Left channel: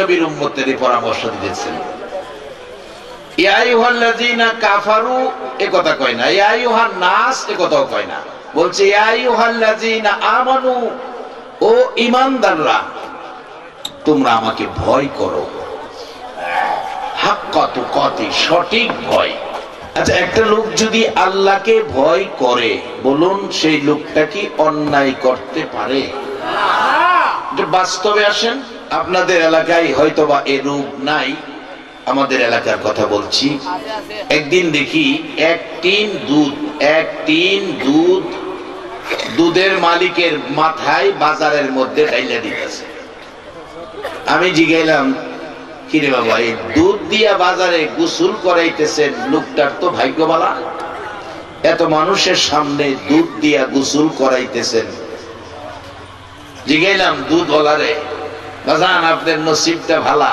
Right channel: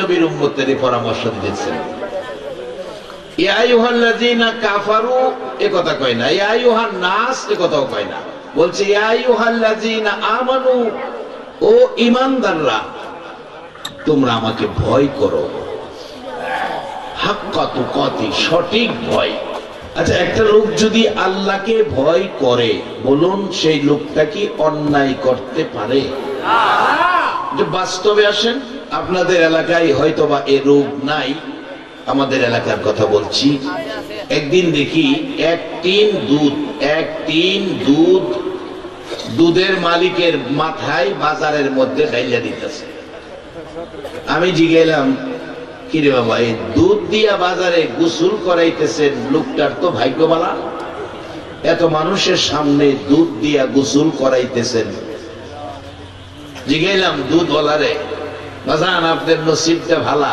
নবীর উম্মতের পরামর্শ দিয়েছেন। ইয়া আইয়ুহাল্লাযীনা কাফারু এ কথা কয় না, ইয়া আইয়ুহান নাস এ কথাও কয় না, বলছে ইয়া আইয়ুহাল্লাযীনা আমানু, ও ঈমানদাররা তোমরা আমাকে ভয় করো, হাক্কা তুকাতি, সঠিক ভয়। আচ্ছা, একটা লোক যদি আল্লাহকে ভয় করে, বলুন সেই লোকটা কি অন্যায় করতে পারে? যে বাস্তবে আসেন, আপনাদের এলাকায় হয়তোবা এ রোগ নাই, আমাদের এলাকার কথা বলছি। একদিন দেখি এক টিন দুধ দুধের মালিকের মাথায় বাজারের মধ্যে ঢাইলা দিতেছে। আমি জিজ্ঞাসলাম, কিরে বাবা, এই দুধ দিয়া বাজারে গোসল করাইতেছেন, লোকটার তো ভাগ্য ভালো, এত মানুষের সামনে দুধ দিয়া গোসল করাইতেছেন। জিজ্ঞাসলাম দুধওয়ালারে, বাজান আপনার নসিবটা ভালা,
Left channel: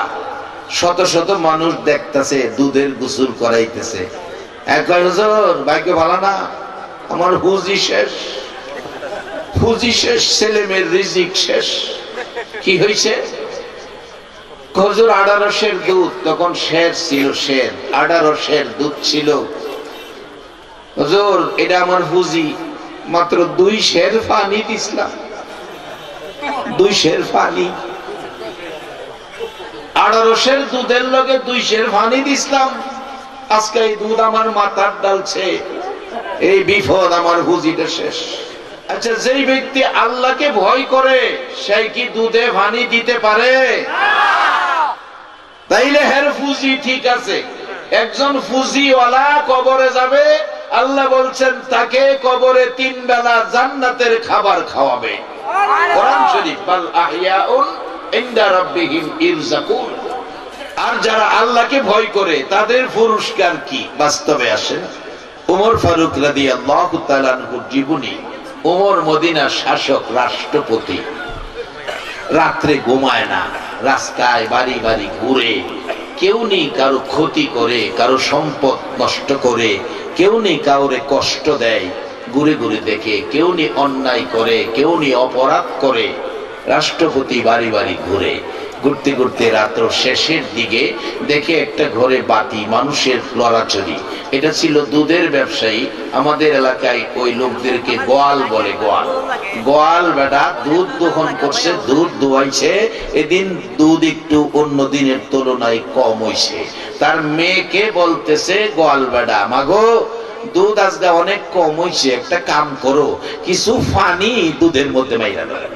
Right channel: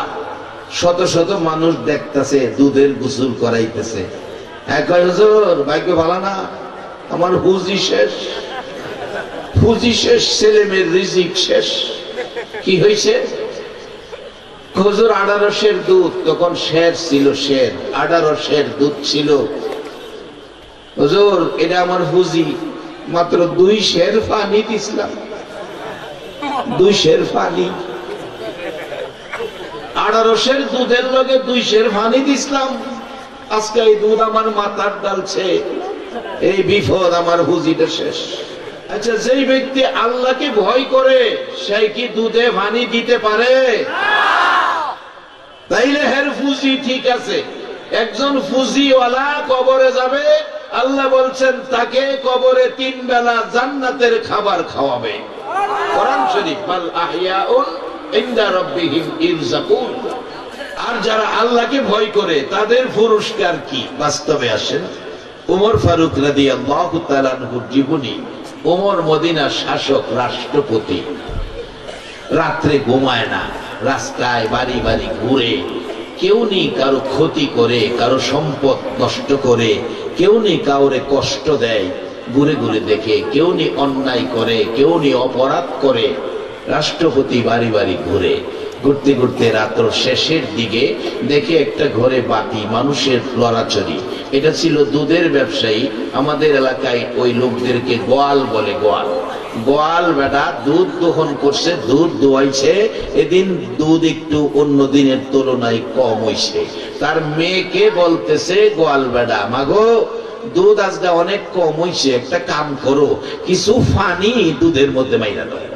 শত শত মানুষ দেখতেছে দুধের গোসল করাইতেছে। হুজুর ভাগ্য ভালো না, আমার পুঁজি শেষ, ছেলে মেয়ের রিজিক শেষ। কি হয়েছে? হুজুর 18 সের দুধ, তখন শের ছিল, 18 সের দুধ ছিল। হুজুর এটা আমার পুঁজি, মাত্র 2 সের পানি দিছিলাম, 2 সের পানি, 18 সের দুধের লগে 2 সের পানি দিছিলাম, আজকে এই দুধ আমার মাথার ডালছে, এই বিপদ, আমার পুঁজিটা শেষ। আচ্ছা, যেই ব্যক্তি আল্লাহকে ভয় করে সে কি দুধে পানি দিতে পারে? তাইলে হের পুঁজি ঠিক আছে। একজন পুঁজিওয়ালা কবরে যাবে, আল্লাহ বলছেন তাকে কবরে 3 বেলা জান্নাতের খাবার খাওয়াবে। কোরআন শরীফ, বাল আহইয়াউন ইনদা রাব্বিহিম ইরযাকুন। আর যারা আল্লাহকে ভয় করে তাদের পুরস্কার কি? বাস্তবে আসেন, ওমর ফারুক রাদিয়াল্লাহু তাআলা আনহুর জীবনী। ওমর মদিনার শাসক, রাষ্ট্রপতি, রাত্রে ঘুমায় না, রাস্তায় বাড়ি বাড়ি ঘুরে, কেউ নেই কারো ক্ষতি করে, কারো সম্পদ নষ্ট করে, কেউ নেই কাউরে কষ্ট দেয়, ঘুরে ঘুরে দেখে, কেউ নেই অন্যায় করে, কেউ নেই অপরাধ করে। রাষ্ট্রপতি বাড়ি বাড়ি ঘুরে, ঘুরতে ঘুরতে রাত্র শেষের দিকে দেখে একটা ঘরে বাতি, মানুষের লড়াচড়ি। এটা ছিল দুধের ব্যবসায়ী। আমাদের এলাকায় ওই লোকদেরকে গোয়াল বলে, গোয়াল বেটা দুধ দোহন করছে, দুধ দোয়াইছে। এদিন দুধ একটু অন্য দিনের তুলনায় কম হইছে। তার মেয়েকে বলতেছে গোয়াল বেটা, মাগো দুধ আজকে অনেক কম হইছে, একটা কাম করো, কিছু পানি দুধের মধ্যে মাইরা দেয়।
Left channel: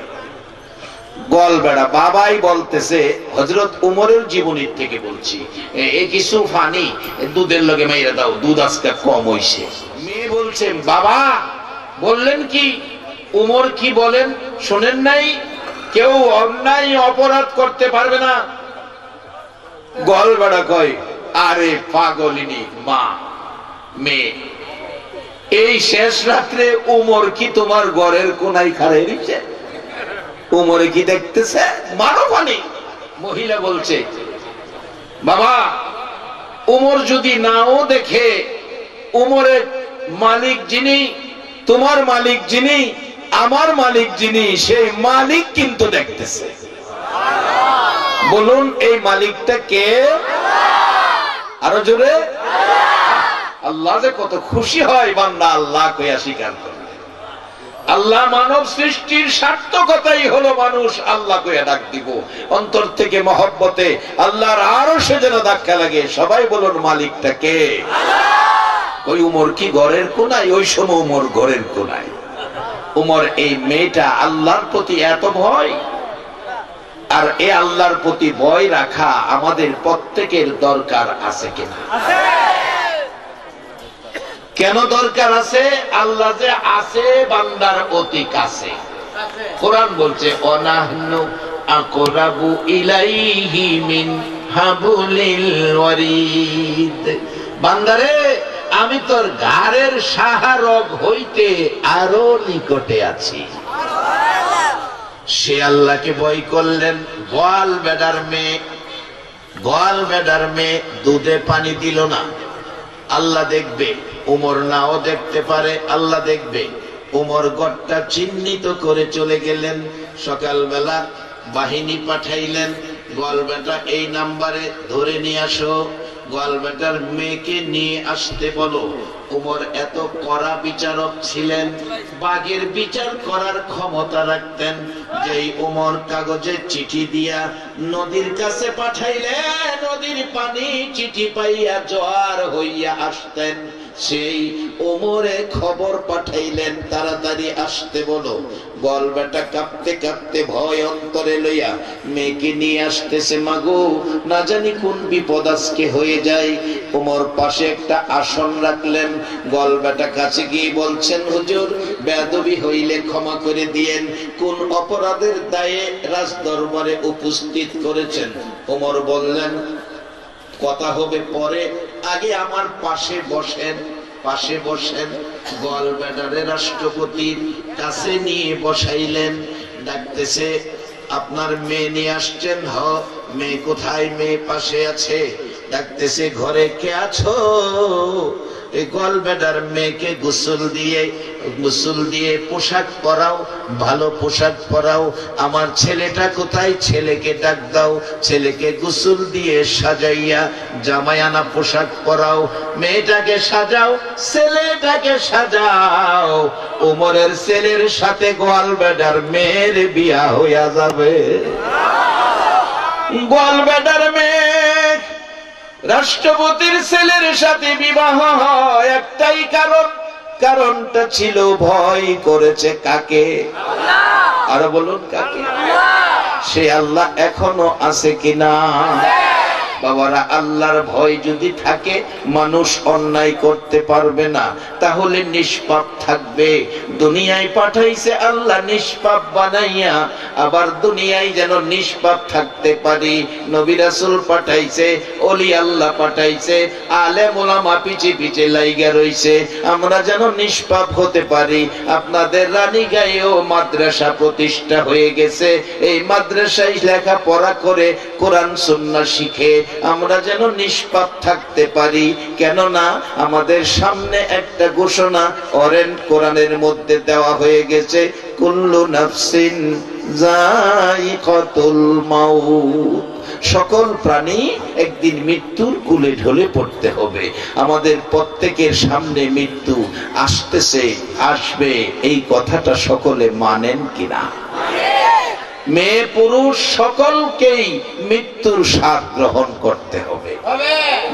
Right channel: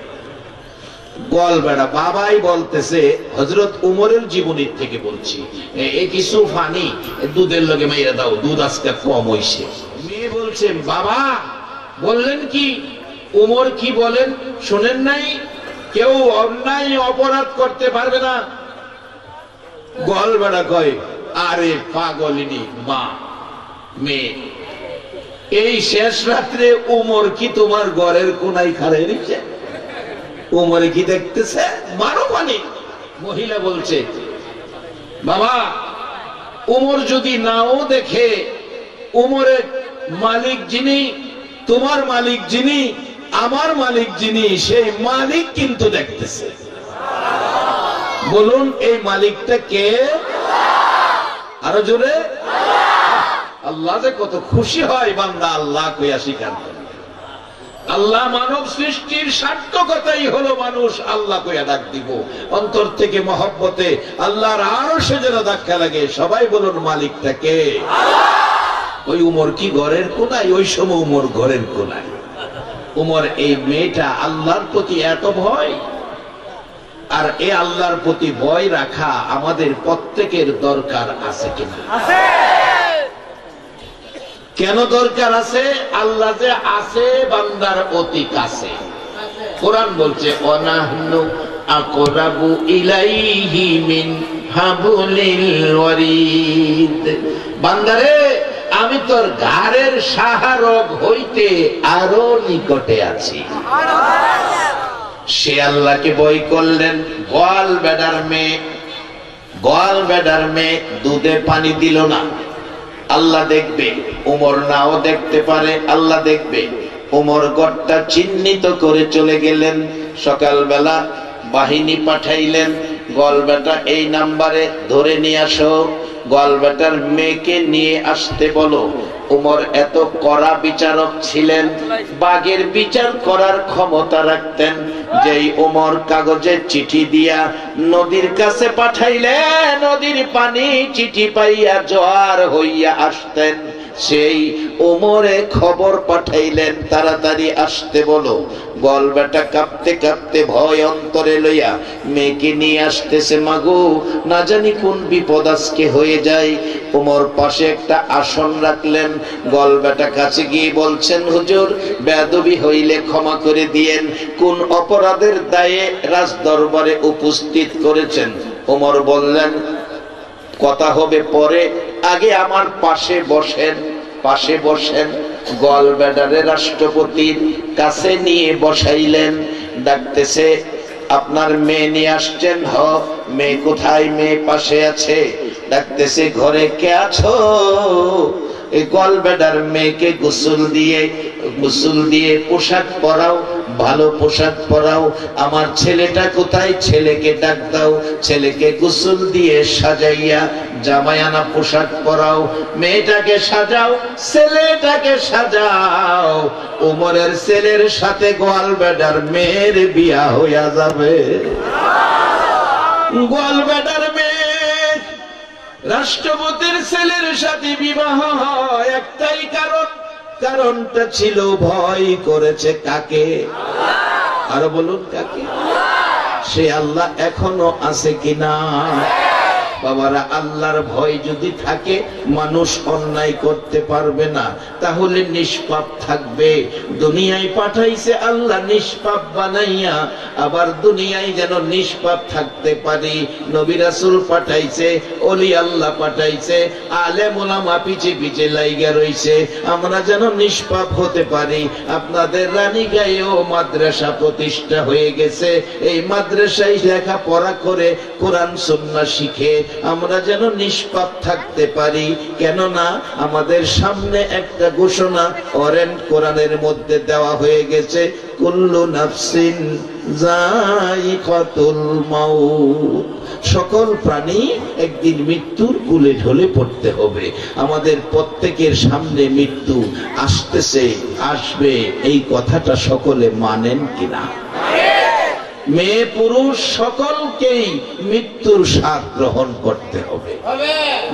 গোয়াল বেড়া বাবাই বলতেছে, হযরত উমরের জীবনীর থেকে বলছি, এই কিছু পানি দুধের লগে মাইরা দাও, দুধ আজকে কম হইছে। মেয়ে বলছে, বাবা বললেন কি? উমর কি বলেন শুনেন নাই? কেউ অন্যায় অপরাধ করতে পারবে না। গোয়াল বেড়া কয়, আরে পাগলিনী মা, মেয়ে, এই শেষ রাত্রে উমর কি তোমার ঘরের কোনায় খাড়াই দিচ্ছে? উমরে কি দেখতেছে? মারো পানি। মহিলা বলছে, বাবা উমর যদি নাও দেখে, উমরের মালিক যিনি, তোমার মালিক যিনি, আমার মালিক যিনি, সেই মালিক কিন্তু দেখতেছে। বলুন এই মালিকটা কে? আরো জোরে। আল্লাহ যে কত খুশি হয় বান্দা আল্লাহ কইয়া স্বীকার করে। আল্লাহ মানব সৃষ্টির সার্থকতাই হলো মানুষ আল্লাহ কইয়া ডাক দিব। অন্তর থেকে মহব্বতে আল্লাহর আরশে যেন ধাক্কা লাগে। সবাই বলুন মালিকটা কে? ওই উমর কি ঘরের কোনায়? ওই সময় উমর ঘরের কোনায়। উমর এই মেয়েটা আল্লাহর প্রতি এত ভয়, আর এ আল্লাহর প্রতি ভয় রাখা আমাদের প্রত্যেকের দরকার আছে কিনা? কেন দরকার আছে? আল্লাহ যে আছে বান্দার অতি কাছে। কোরআন বলছে, অনাহনু আকরাবু ইলাইহি মিন হাবলিল ওয়ারিদ। বান্দারে আমি তোর ঘাড়ের সাহারগ হইতে আরো নিকটে আছি। সে আল্লাহকে ভয় করলেন। গোয়াল বেডার মেয়ে দুধে পানি দিল না, আল্লাহ দেখবে। উমর নাও দেখতে পারে, আল্লাহ দেখবে। উমর ঘরটা চিহ্নিত করে চলে গেলেন। সকালবেলা বাহিনী পাঠাইলেন, গলবেটা এই নাম্বারে ধরে নিয়ে আসো, গলবেটার মেয়েকে নিয়ে আসতে বলো। উমর এত কড়া বিচারক ছিলেন, বাঘের বিচার করার ক্ষমতা রাখতেন। যেই উমর কাগজে চিঠি দিয়া নদীর কাছে পাঠাইলে নদীর পানি চিঠি পাইয়া জোয়ার হইয়া আসতেন, সেই উমরে খবর পাঠাইলেন তাড়াতাড়ি আসতে বলো। গলবেটা কাঁপতে কাঁপতে ভয় অন্তরে লইয়া মেয়েকে নিয়ে আসতেছে। মাগো, না জানি কোন বিপদ আজকে হয়ে যায়। উমর পাশে একটা আসন রাখলেন। গলবেটা কাছে গিয়ে বলছেন, হুজুর, বেয়াদবি হইলে ক্ষমা করে দিয়েন। কোন অপরাধের দায়ে রাজ দরবারে উপস্থিত করেছেন? উমর বললেন, কথা হবে পরে, আগে আমার পাশে বসেন। পাশে বসেন। গলব্লাডারে রাষ্ট্রপতির কাছে নিয়ে বসাইলেন। ডাকতেছে, আপনার মেয়ে নিয়ে আসছেন? হ। মেয়ে কোথায়? মেয়ে পাশে আছে। ডাকতেছে, ঘরে কে আছো? এই গলব্লাডার মেয়েকে গোসল দিয়ে পোশাক পরাও, ভালো পোশাক পরাও। আমার ছেলেটা কোথায়? ছেলেকে ডাক দাও। ছেলেকে গোসল দিয়ে সাজাইয়া জামায়ানা পোশাক পরাও। মেয়েটাকে সাজাও, ছেলেটাকে সাজাও। উমরের ছেলের সাথে গলব্লাডার মেয়ের বিয়া হইয়া যাবে। গলব্লাডার মেয়ে রাষ্ট্রপতির ছেলের সাথে বিবাহ হয় একটাই কারণ, কারণটা ছিল ভয় করেছে কাকে? আরো বলুন, কাকে? সে আল্লাহ এখনো আছে কিনা? বাবারা, আল্লাহর ভয় যদি থাকে মানুষ অন্যায় করতে পারবে না, তাহলে নিষ্পাপ থাকবে। দুনিয়ায় পাঠাইছে আল্লাহ নিষ্পাপ বানাইয়া, আবার দুনিয়ায় যেন নিষ্পাপ থাকতে পারি। নবী রাসূল পাঠাইছে, ওলি আল্লাহ পাঠাইছে, আলেম ওলামা পিছে পিছে লাইগা রইছে, আমরা যেন নিষ্পাপ হতে পারি। আপনাদের রানীগাঁয়েও মাদ্রাসা প্রতিষ্ঠা হয়ে গেছে। এই মাদ্রাসায় লেখাপড়া করে কোরআন সুন্নাহ শিখে আমরা যেন নিষ্পাপ থাকতে পারি। কেননা আমাদের সামনে একটা ঘোষণা অরেন্ট কোরআনের মধ্যে দেওয়া হয়ে গেছে, কুল্লু নাফসিন যায়িকাতুল মাউত। সকল প্রাণী একদিন মৃত্যুর কুলে ঢলে পড়তে হবে। আমাদের প্রত্যেকের সামনে মৃত্যু আসতেছে, আসবে, এই কথাটা সকলে মানেন কিনা? মেয়ে পুরুষ সকলকেই মৃত্যুর স্বাদ গ্রহণ করতে হবে।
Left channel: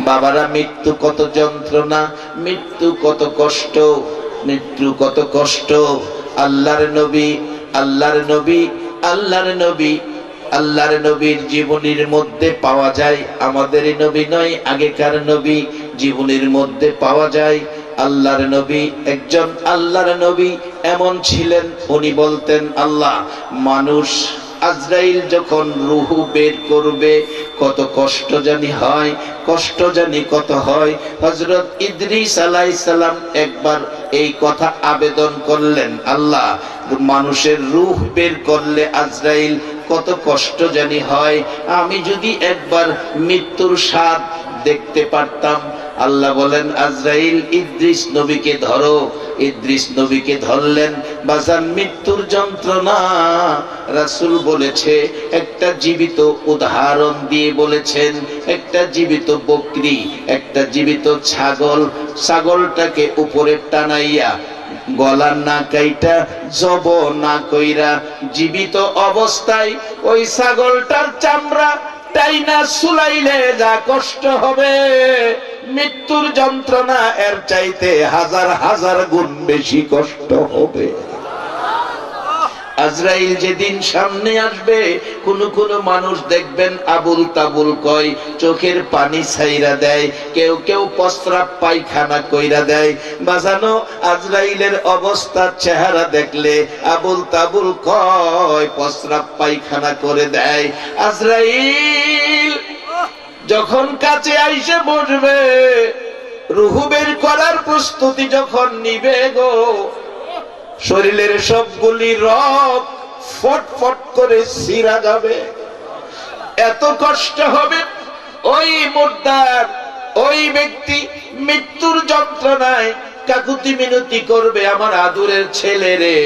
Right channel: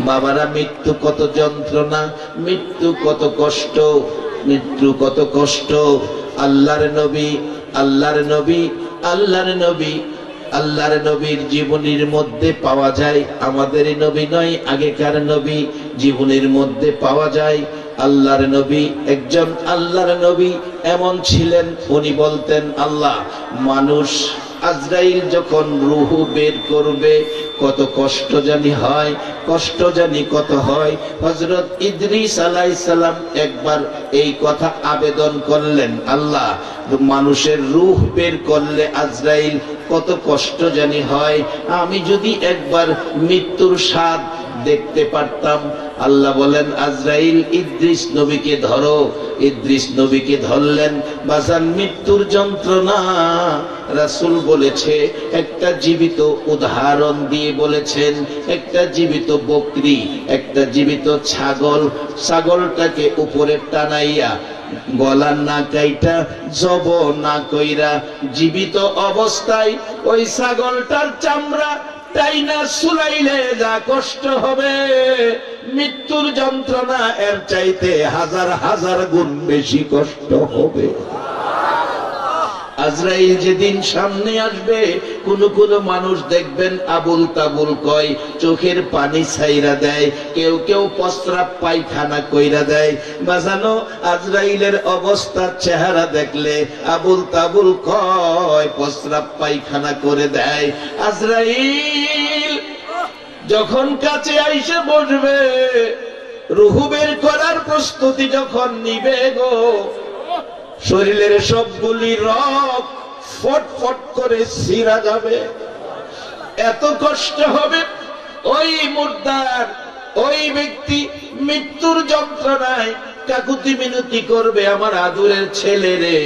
বাবারা, মৃত্যু কত যন্ত্রণা, মৃত্যু কত কষ্ট, মৃত্যু কত কষ্ট। আল্লাহর নবীর জীবনীর মধ্যে পাওয়া যায়। আমাদের নবী নয়, আগেকার নবী জীবনীর মধ্যে পাওয়া যায়। আল্লাহর নবী, একজন আল্লাহর নবী এমন ছিলেন, উনি বলতেন, আল্লাহ, মানুষ আজরাইল যখন রূহ বের করবে কত কষ্ট জানি হয়, কষ্ট জানি কত হয়। হযরত ইদ্রিস আলাইহিস সালাম একবার এই কথা আবেদন করলেন, আল্লাহ, মানুষের রূহ বের করলে আজরাইল কত কষ্ট জানি হয়, আমি যদি একবার মৃত্যুর স্বাদ দেখতে পারতাম। আল্লাহ বলেন, আজরাইল, ইদ্রিস নবীকে ধরো। ইদ্রিস নবীকে ধরলেন। বাজান, মৃত্যুর যন্ত্রণা রাসূল বলেছে, একটা জীবিত উদাহরণ দিয়ে বলেছেন। একটা জীবিত বকরি, একটা জীবিত ছাগল, ছাগলটাকে উপরে টানাইয়া গলা না কাইটা জব না কইরা জীবিত অবস্থায় ওই ছাগলটার চামড়া টাইনা সুলাইলে যা কষ্ট হবে, মৃত্যুর যন্ত্রণা এর চাইতে হাজার হাজার গুণ বেশি কষ্ট হবে। আজরাইল যেদিন সামনে আসবে, কোন কোন মানুষ দেখবেন আবুল তাবুল কয়, চোখের পানি ছাইরা দেয়, কেউ কেউ প্রস্রাব পায়খানা কইরা দেয়। বাজানো, আজরাইলের অবস্থার চেহারা দেখলে আবুল তাবুল কয়, প্রস্রাব পায়খানা করে দেয়। আজরাইল যখন কাছে আইসে বসবে, রূহ বের করার প্রস্তুতি যখন নিবে গো, শরীরের সবগুলি রগ ফটফট করে ছিঁড়া যাবে, এত কষ্ট হবে। ওই মুর্দার, ওই ব্যক্তি মৃত্যুর যন্ত্রণায় কাকুতি মিনতি করবে, আমার আদরের ছেলে রে,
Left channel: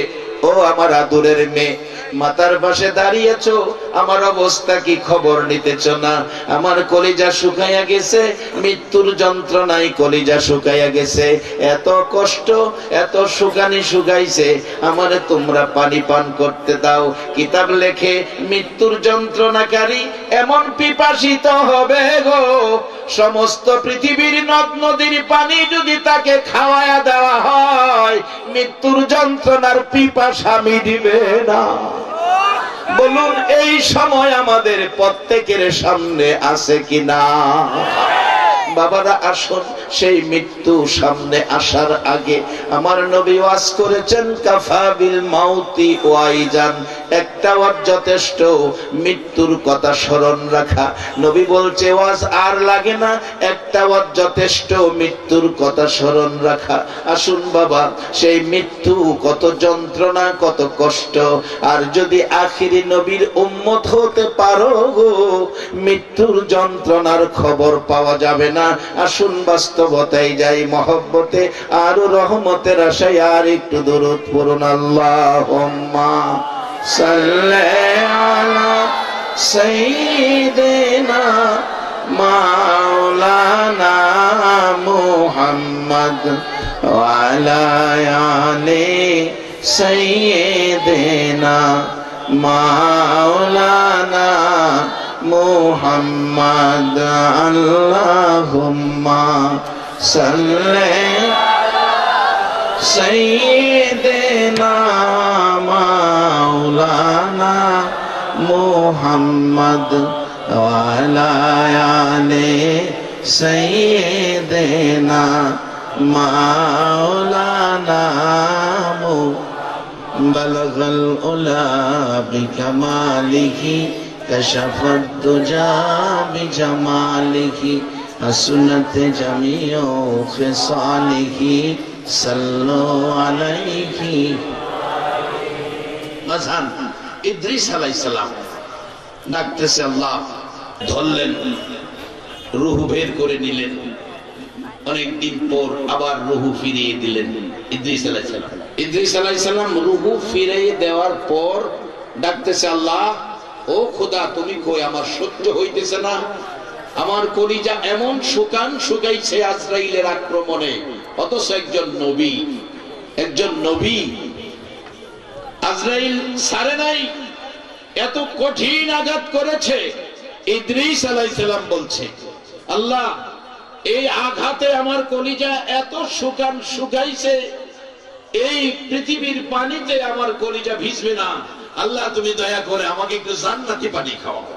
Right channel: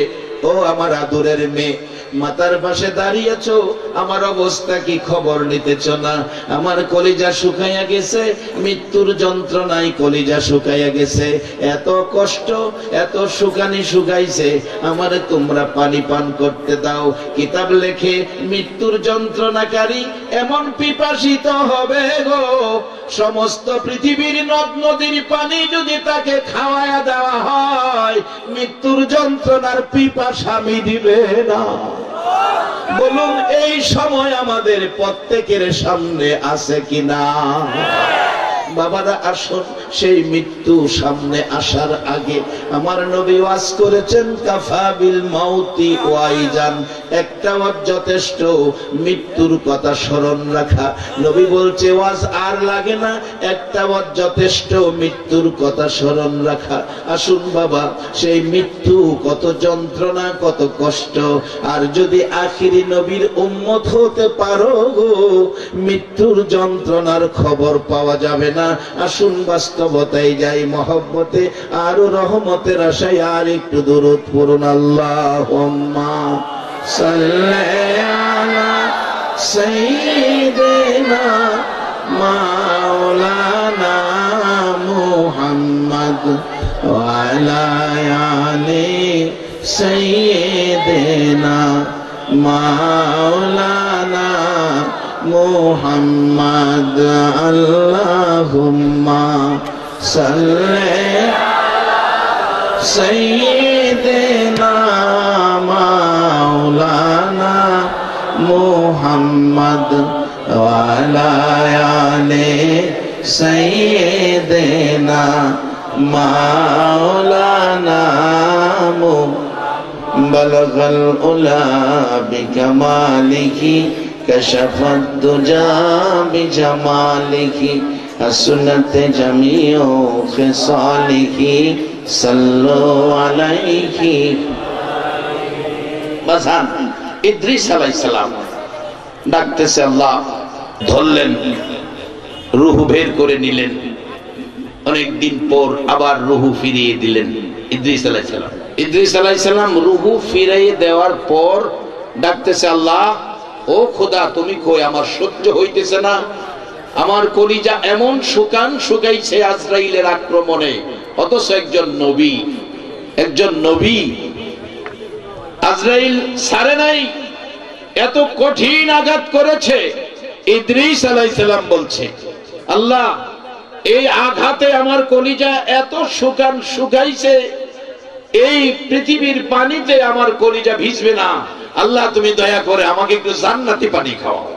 ও আমার আদরের মেয়ে, মাতার পাশে দাঁড়িয়েছো, আমার অবস্থা কি খবর নিতেছ না? আমার কলিজা শুকাইয়া গেছে, মৃত্যুর যন্ত্রণায় কলিজা শুকাইয়া গেছে, এত কষ্ট, এত শুকানি শুকাইছে, আমারে তোমরা পানি পান করতে দাও। কিতাব লেখে মৃত্যুর যন্ত্রণাকারী এমন পিপাসিত হবে গো, সমস্ত পৃথিবীর নদ নদীর পানি যদি তাকে খাওয়ায়া দেওয়া হয়, মৃত্যুর যন্ত্রণার পিপাসা মিটিবে না। বলুন এই সময় আমাদের প্রত্যেকের সামনে আছে কিনা? বাবারা আসুন, সেই মৃত্যু সামনে আসার আগে আমার নবী ওয়াজ করেছেন কাফা বিল মাউতি ওয়াইজান, একটা ওয়াজ যথেষ্ট, মৃত্যুর কথা স্মরণ রাখা। নবী বলছে ওয়াজ আর লাগে না, একটা ওয়াজ যথেষ্ট, মৃত্যুর কথা স্মরণ রাখা। আসুন বাবা, সেই মৃত্যু কত যন্ত্রণা, কত কষ্ট, আর যদি আখিরি নবীর উম্মত হতে পারো গো, মৃত্যুর যন্ত্রণার খবর পাওয়া যাবে না। আসুন বাস্তবতায় যাই, মহব্বতে আর রহমতের আশায় আর একটু দরুদ পড়ুন। আল্লাহুম্মা সাল্লি আলা সাইয়্যিদিনা মাওলানা মুহাম্মদ ওয়া আলা আলি সাইয়্যিদিনা মাওলানা মুহাম্মদ। আল্লাহুম্মা সাল্লি সাইয়্যিদিনা মাওলানা মুহাম্মদ ওয়া আলা আলি সাইয়্যিদিনা মাওলানা বালাগাল উলা বিকামালিহি كشفت الدجى بجماله حسنت جميع خصاله صلوا عليه। বাজান ইদ্রিস আলাইহিস সালাম ডাকতেছে, আল্লাহ ধরলেন, রূহ বের করে নিলেন, অনেক দিন পর আবার রূহ ফিরিয়ে দিলেন ইদ্রিস আলাইহিস সালাম। ইদ্রিস আলাইহিস সালাম রূহ ফিরিয়ে দেওয়ার পর ডাকতেছে, আল্লাহ ও খোদা তুমি কই, আমার সহ্য হইতেছে না, আমার কলিজা এমন শুকাইছে আজরাইলের আক্রমণে, অথচ একজন নবী আজরাইল ছাড়ে নাই, এত কঠিন আঘাত করেছে। ইদ্রিস আলাইহিস সালাম বলছে, আল্লাহ এই আঘাতে আমার কলিজা এত শুকাইছে, এই পৃথিবীর পানিতে আমার কলিজা ভিজবে না, আল্লাহ তুমি দয়া করে আমাকে একটু জান্নাতি পানি খাওয়াও,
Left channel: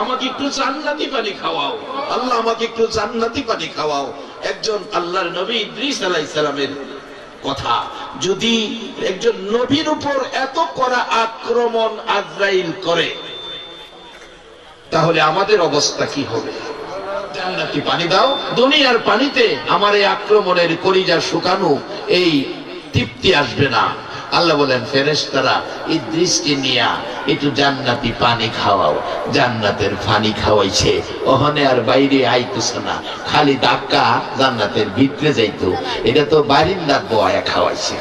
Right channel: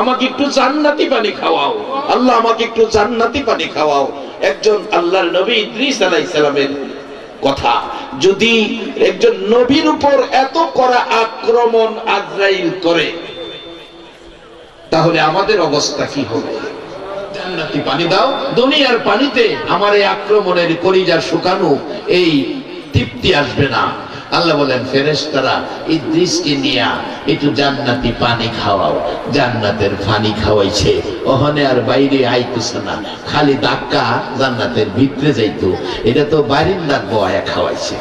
আমাকে একটু জান্নাতি পানি খাওয়াও, আল্লাহ আমাকে একটু জান্নাতি পানি খাওয়াও। একজন আল্লাহর নবী ইদ্রিস আলাইহিস সালামের কথা, যদি একজন নবীর উপর এত কড়া আক্রমণ আজরাইল করে, তাহলে আমাদের অবস্থা কি হবে? জান্নাতি পানি দাও, দুনিয়ার পানিতে আমার এই আক্রমণের কলিজা শুকানো এই তৃপ্তি আসবে না। আল্লাহ বলেন ফেরেশতারা ইদ্রিসকে নিয়া একটু জান্নাতি পানি খাওয়াও। জান্নাতের পানি খাওয়াইছে, ওখানে আর বাইরে আইতেছে না, খালি ধাক্কা জান্নাতের ভিতরে যাইতো, এটা তো বারিন্দার বয়া খাওয়াইছে,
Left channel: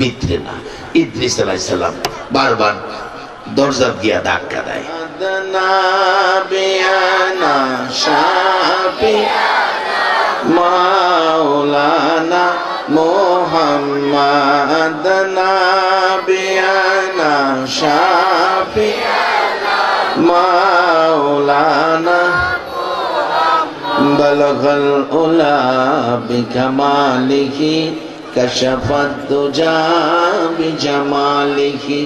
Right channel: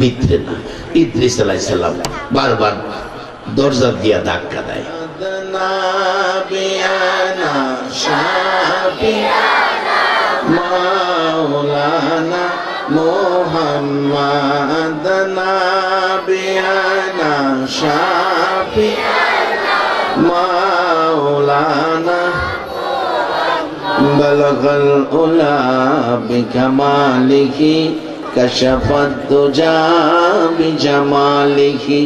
ভিতরে না। ইদ্রিস আলাইহিস সালাম বারবার দরজা দিয়া ধাক্কা দেয়, মাওলানা মুহাম্মদ নাবিয়ানা শাফিয়ানা মাওলানা বালাগাল উলা বিকামালিহি কাশাফাত দুজা বিজামালিহি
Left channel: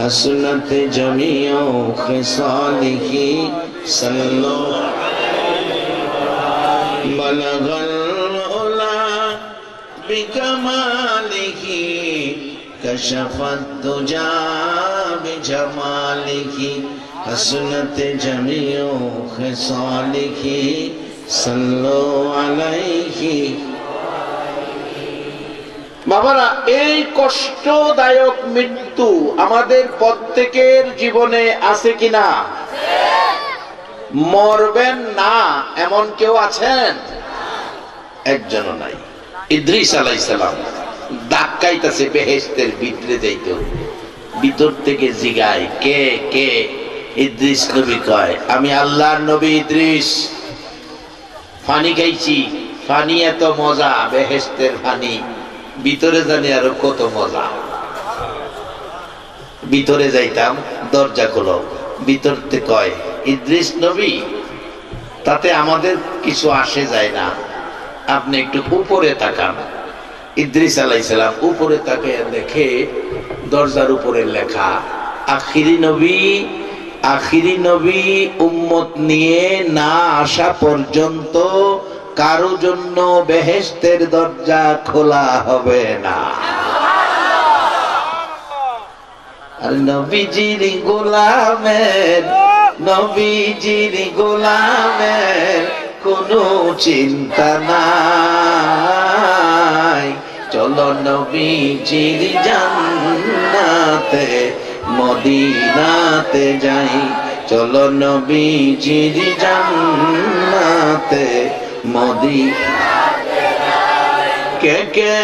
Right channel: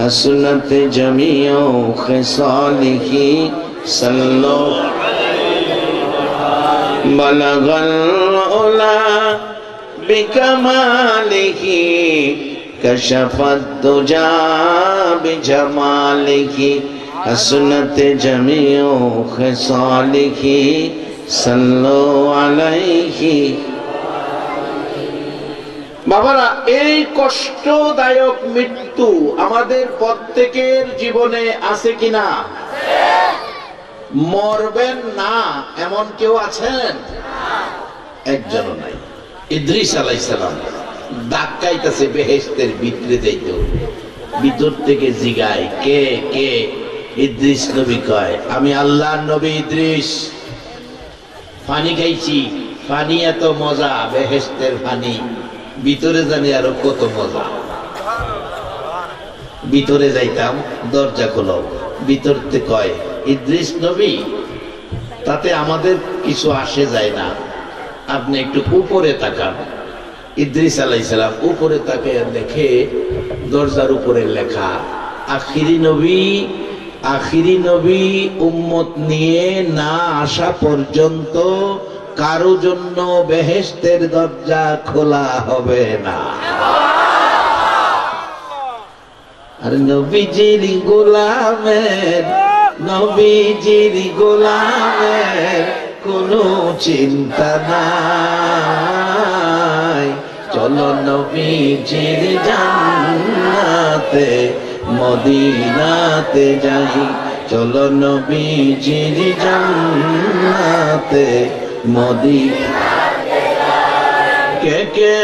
হাসনাত জামিউ খিসালিহি সাল্লু বালাগাল উলা বিকামালিহি কাশাফাত দুজা বিজামালিহি হাসনাত জামিউ খিসালিহি সাল্লু আলাইহি। বাবারা, এই কষ্টদায়ক মৃত্যু আমাদের প্রত্যেকের জীবনে আছে কিনা? মরবেন না এমন কেউ আছেন? একজনও নাই। ইদ্রিস আলাইহিস সালাম ধাক্কাইতেছে বেহেশতের ভিতরে যাইতো, ভিতর থেকে জিগায়, কে কে? ইদ্রিস নবী কয়, আমি আল্লাহর নবী ইদ্রিস। পানি খাইছি, পানি এত মজা, বেহেশতের পানি, ভিতরে জানি আরো কত মজা। ভিতরে যাইতাম, দরজা খোলো, ভিতর থেকে কয়, ইদ্রিস নবী, তাতে আমাদের কিছু আসে যায় না, আপনি একটু উপরে তাকান। ইদ্রিস আলাইহিস সালাম উপরে তাকিয়ে দেখে দরজার উপরে লেখা, আখিরি নবী, আখিরি নবী উম্মত নিয়ে না আসা পর্যন্ত কারো জন্য বেহেশতের দরজা খোলা হবে না। আর নবীজির গোলামের, নবীজির গোলামের কোনো চিন্তা নাই। চলো নবীজির জান্নাতে মদিনাতে যাই, চলো নবীজির জান্নাতে মদিনাতে যাই। কে কে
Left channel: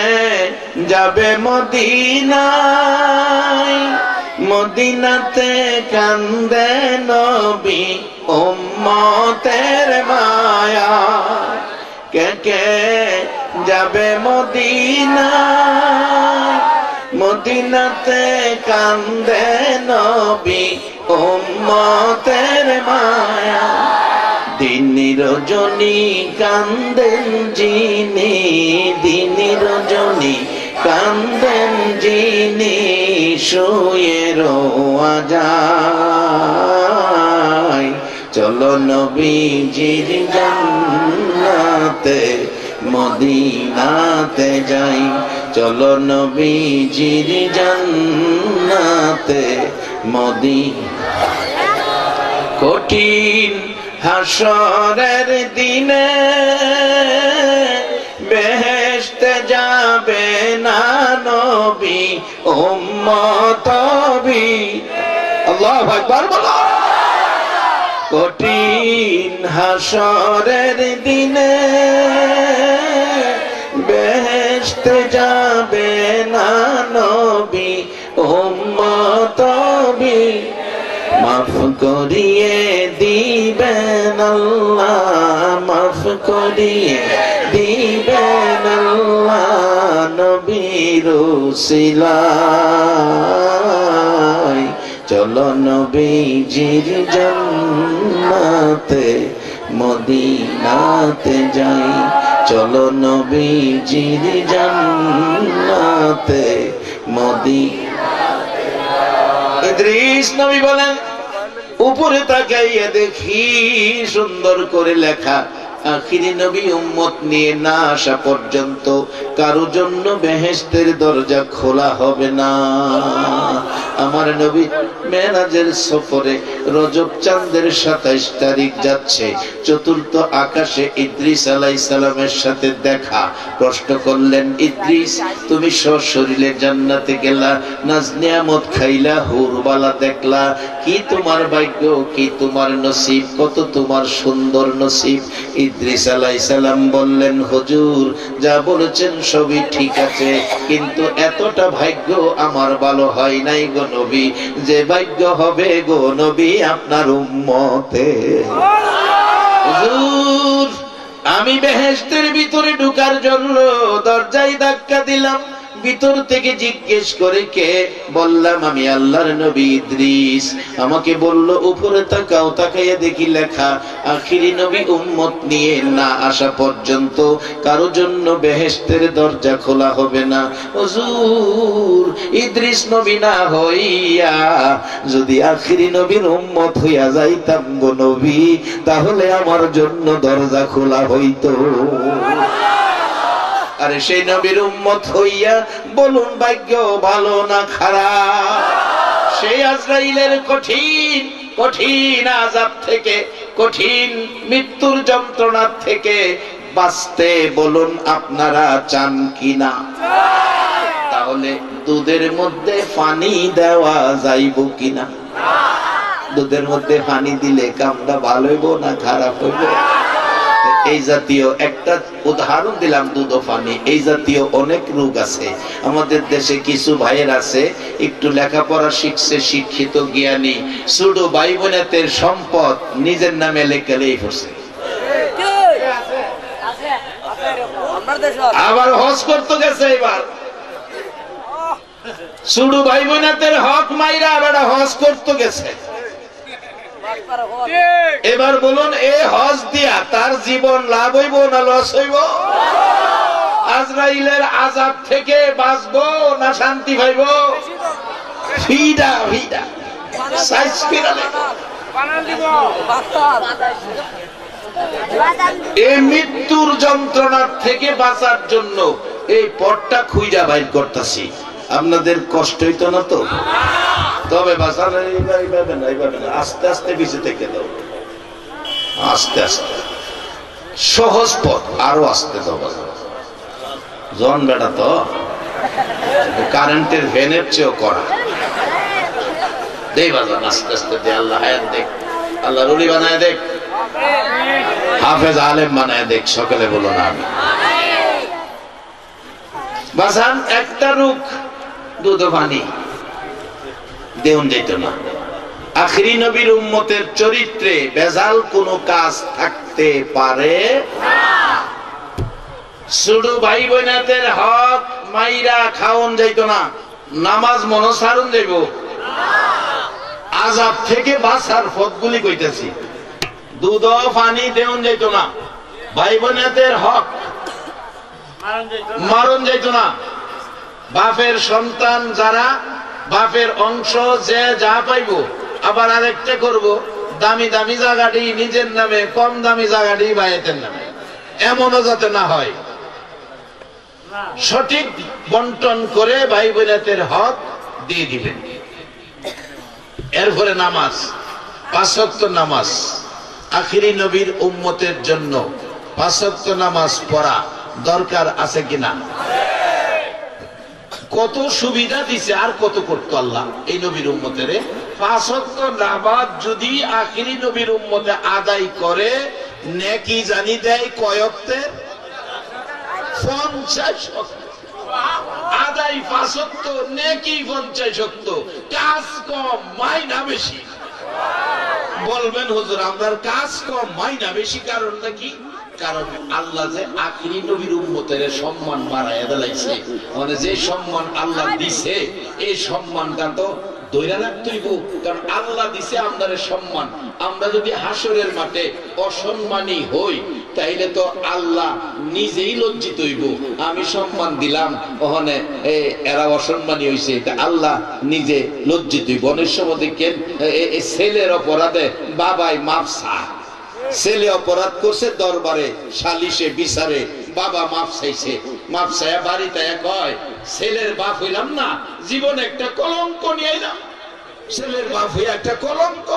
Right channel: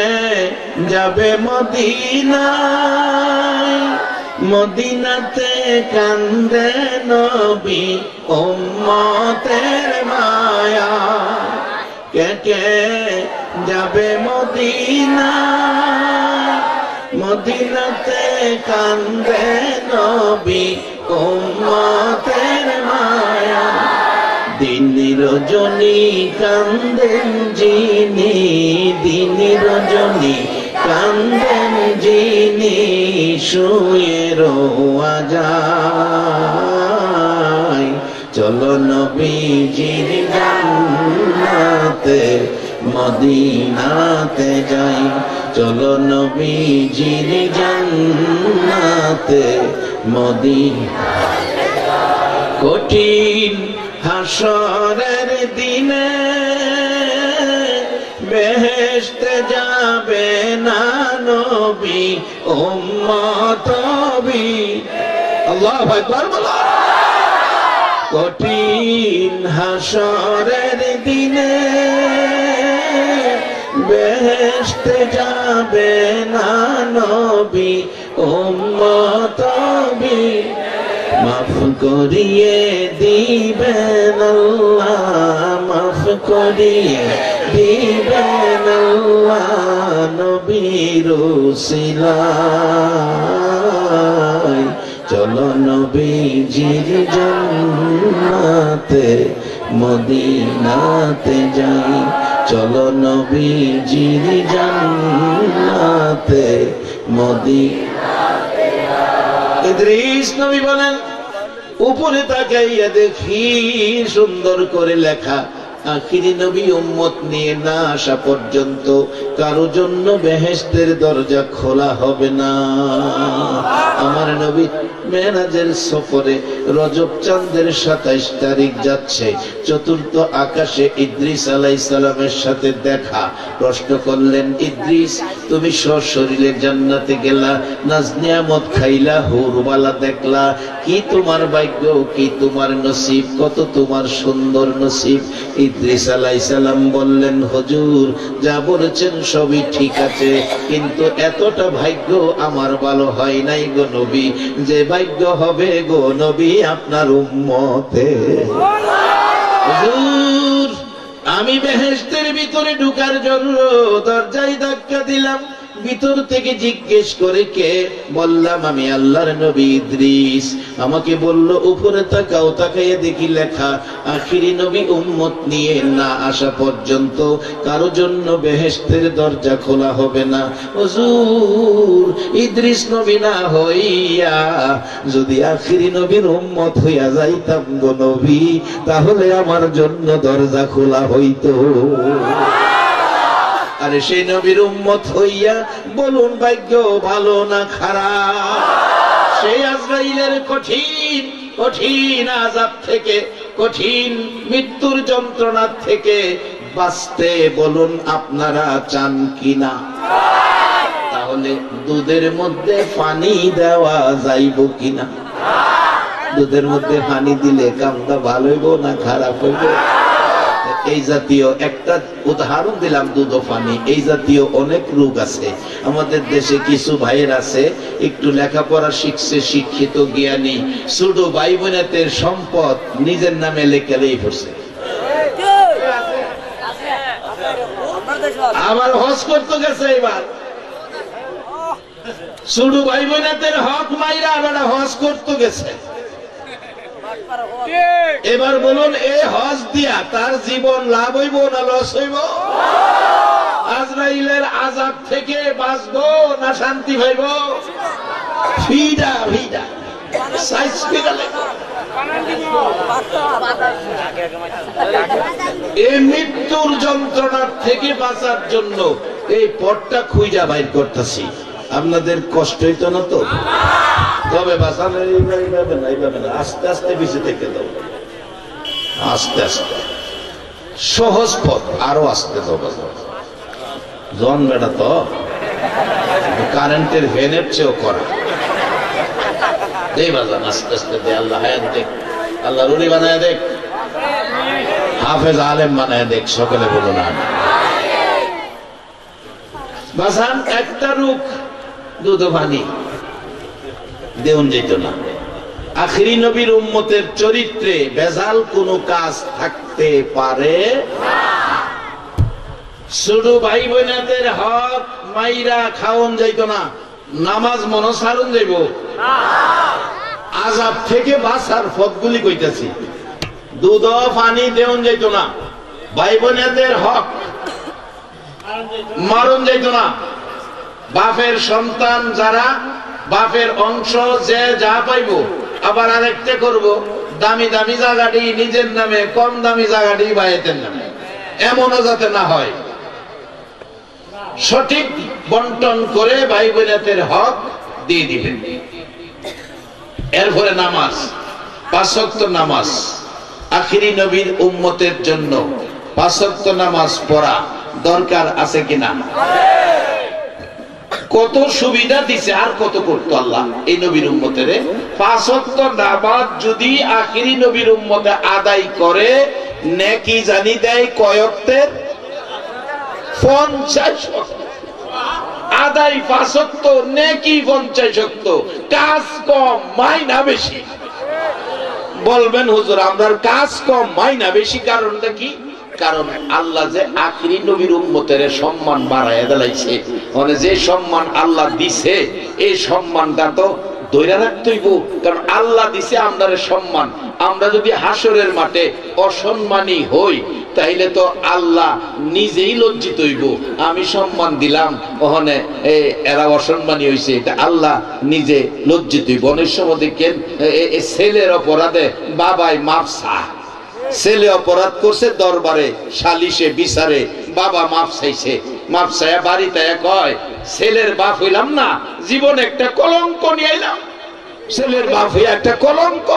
যাবে মদিনায়? মদিনাতে কান্দে নবী উম্মতের মায়া। কে কে যাবে মদিনায়? মদিনাতে কান্দে নবী উম্মতের মায়া। দিন রজনী কান্দেন যিনি, দিন রজনী কান্দেন যিনি, শুয়ে রোয়া যায়। চলো নবীজির জান্নাতে মদিনাতে যাই, চলো নবীজির জান্নাতে মদিনাতে যাই। কঠিন হাসরের দিনে বেহেশতে যাবে না নবী উম্মত নবী। আল্লাহু আকবার বলো। কঠিন হাসরের দিনে বেহেশতে যাবে না নবী উম্মত নবী। মাফ করিয়ে দিবেন আল্লাহ, মাফ করিয়ে দিবেন আল্লাহ নবীর উসিলায়। চলো নবীজির জান্নাতে মদিনাতে যাই, চলো নবীজির জান্নাতে মদিনাতে যাই। ইদ্রিস নবী বলেন, উপরে তাকাইয়া দেখি সুন্দর করে লেখা, আখিরি নবী উম্মত নিয়ে না আসা পর্যন্ত কারো জন্য বেহেশতের দরজা খোলা হবে না। আমার নবী মেরাজের সফরে রজব চাঁদের 27 তারিখ যাচ্ছে, চতুর্থ আকাশে ইদ্রিস আলাইহিস সালামের সাথে দেখা। প্রশ্ন করলেন, ইদ্রিস তুমি সশরীরে জান্নাতে গেলা, নাজ নিয়ামত খাইলা, হুরবালা দেখলা, কি তোমার ভাগ্য, কি তোমার নসিব, কত তোমার সুন্দর নসিব। ইদ্রিস আলাইহিস সালাম বললেন, হুজুর যা বলেছেন সবই ঠিক আছে, কিন্তু এতটা ভাগ্য আমার ভালো হয় নাই গো নবী, যে ভাগ্য হবে গো নবী আপনার উম্মতে। হুজুর আমি বেহেশতের ভিতরে ঢোকার জন্য দরজায় ধাক্কা দিলাম, ভিতর থেকে জিজ্ঞেস করে কে? বললাম আমি আল্লাহর নবী ইদ্রিস। আমাকে বলল উপরে তাকাও, তাকাইয়া দেখি লেখা, আখিরি নবী উম্মত নিয়ে না আসা পর্যন্ত কারো জন্য বেহেশতের দরজা খোলা হবে না। হুজুর ইদ্রিস নবী না হইয়া যদি আখিরি নবীর উম্মত হইয়া যাইতাম গো নবী, তাহলে আমার জন্য দরজা খোলা হইতো। আরে সেই নবীর উম্মত হইয়া বলুন ভাগ্য ভালো না খারাপ? সেই আজরাইলের কঠিন কঠিন আযাব থেকে, কঠিন মৃত্যুর যন্ত্রণা থেকে বাঁচতে বলুন আপনারা চান কিনা? তাহলে দুধের মধ্যে পানি দেওয়া যাইব কিনা? দুধের মধ্যে পানি দিলে কামটা ভালো হইব না খারাপ হইব? এই জাতীয় একটা উদাহরণ দিলাম, দুধ ও পানি। এই জাতীয় অনেক রোগ আছে আমাদের দেশে। কিছু ভাইয়ের আছে একটু লেখাপড়া শিখছে, শিক্ষিত জ্ঞানী, ছোট ভাই বোনেদের সম্পদ নিজের নামে লেখালেই পড়ছে, আবার হজ করতে গেছে। এবার ছোট ভাই বোনেদের হক মাইরা আবার হজ করতে গেছে। এবার বলুন, এ হজ দিয়া তার জীবন লাভ হইব না লস হইব? আজরাইলের আযাব থেকে বাঁচবো না শান্তি পাইব? ভিডা ভিডা সাইজ ফিরালে এই মৃত্যুর যন্ত্রণার থেকে বাঁচার জন্য এই পথটা খুঁজা বাইর করতেছি। আপনাদের কষ্ট হইতো না তো? তবে বাঁচান এইভাবে না, আস্তে আস্তে বেঁচে থেকে দাও, আস্তে আস্তে সহজ পথ, আরো আস্তে দাও। জন বেটা তো কারেন্টের ভ্যানের চেয়েও করা। দেই বাজান আস্তে আস্তে দে। আল্লাহ হায়াত দেখ, আল্লাহ রুলি বানায় দেখ, হাফেজ আলেম বানায় দেখ। সকলে বলো না বাজান। একটা রূপ দুধ পানি দেউন যেত না। আখিরি নবীর উম্মতের চরিত্রে বেজাল কোনো কাজ থাকতে পারে না। ছোট ভাই বোনেদের হক মাইরা খাওন যাইতো না, নামাজ মনসারণ যাইব। আযাব থেকে বাঁচার পথগুলি কইতাছি। দুধ পানি দেউন যাইত না, ভাই বোনেদের হক মারণ যাইত না। বাপের সন্তান যারা, বাপের অংশ যে যা পাইব, আবার আরেকটা করব, দামি দামি জায়গাটি নিজের নামে, কম দামি জায়গাটি ভাইয়ের নামে, এমনও যাতে না হয়। সঠিক বন্টন করে ভাই বোনেদের হক দিয়ে দিবেন। এরপরে নামাজ, 5 ওয়াক্ত নামাজ। আখিরি নবীর উম্মতের জন্য 5 ওয়াক্ত নামাজ পড়া দরকার আছে কিনা? কত সুবিধা দিছে, আর কত করতো আল্লাহ এই নবীর উম্মতের। 5 ওয়াক্ত নামাজ যদি আখিরি নবীর উম্মতে আদায় করে, নেকি জানি দেয় কয় ওয়াক্তের? 50 ওয়াক্ত। আদায় 5 ওয়াক্ত, নেকি 50 ওয়াক্ত। কাজ কম মাইনা বেশি। বলবেন হুজুর আপনার কাজ কম মাইনা বেশি, কারণটা কি? কারণ আল্লাহ যে আখিরি নবীর উম্মতের সম্মান বাড়ায় দিলাইছে। মানে যে সম্মান আল্লাহ দিছে, এই সম্মানটা তো ধরে রাখতে হইব। কারণ আল্লাহ দিছে আমাদের সম্মান। আমরা যদি হাসরের মাঠে অসম্মানী হই, তাইলে তো আল্লাহ নিজেই লজ্জিত হইব। আমি সম্মান দিলাম, ওখানে এরা অসম্মানী হইছে, এটা আল্লাহ নিজে লজ্জিত হইব। অনেক সময় দেখেন ছেলের অপরাধে বাবাই মাপ চায়। ছেলে অপরাধ করছে, দরবারে সালিশে বিচারে বাবা মাপ চাইছে। মাপ চাইয়া বাড়িতে কয়, ছেলের বাপ হইলাম না, জীবনে একটা কলঙ্ক নিয়ে আইলাম। ছেলের বাপ হইয়া একটা কলঙ্ক।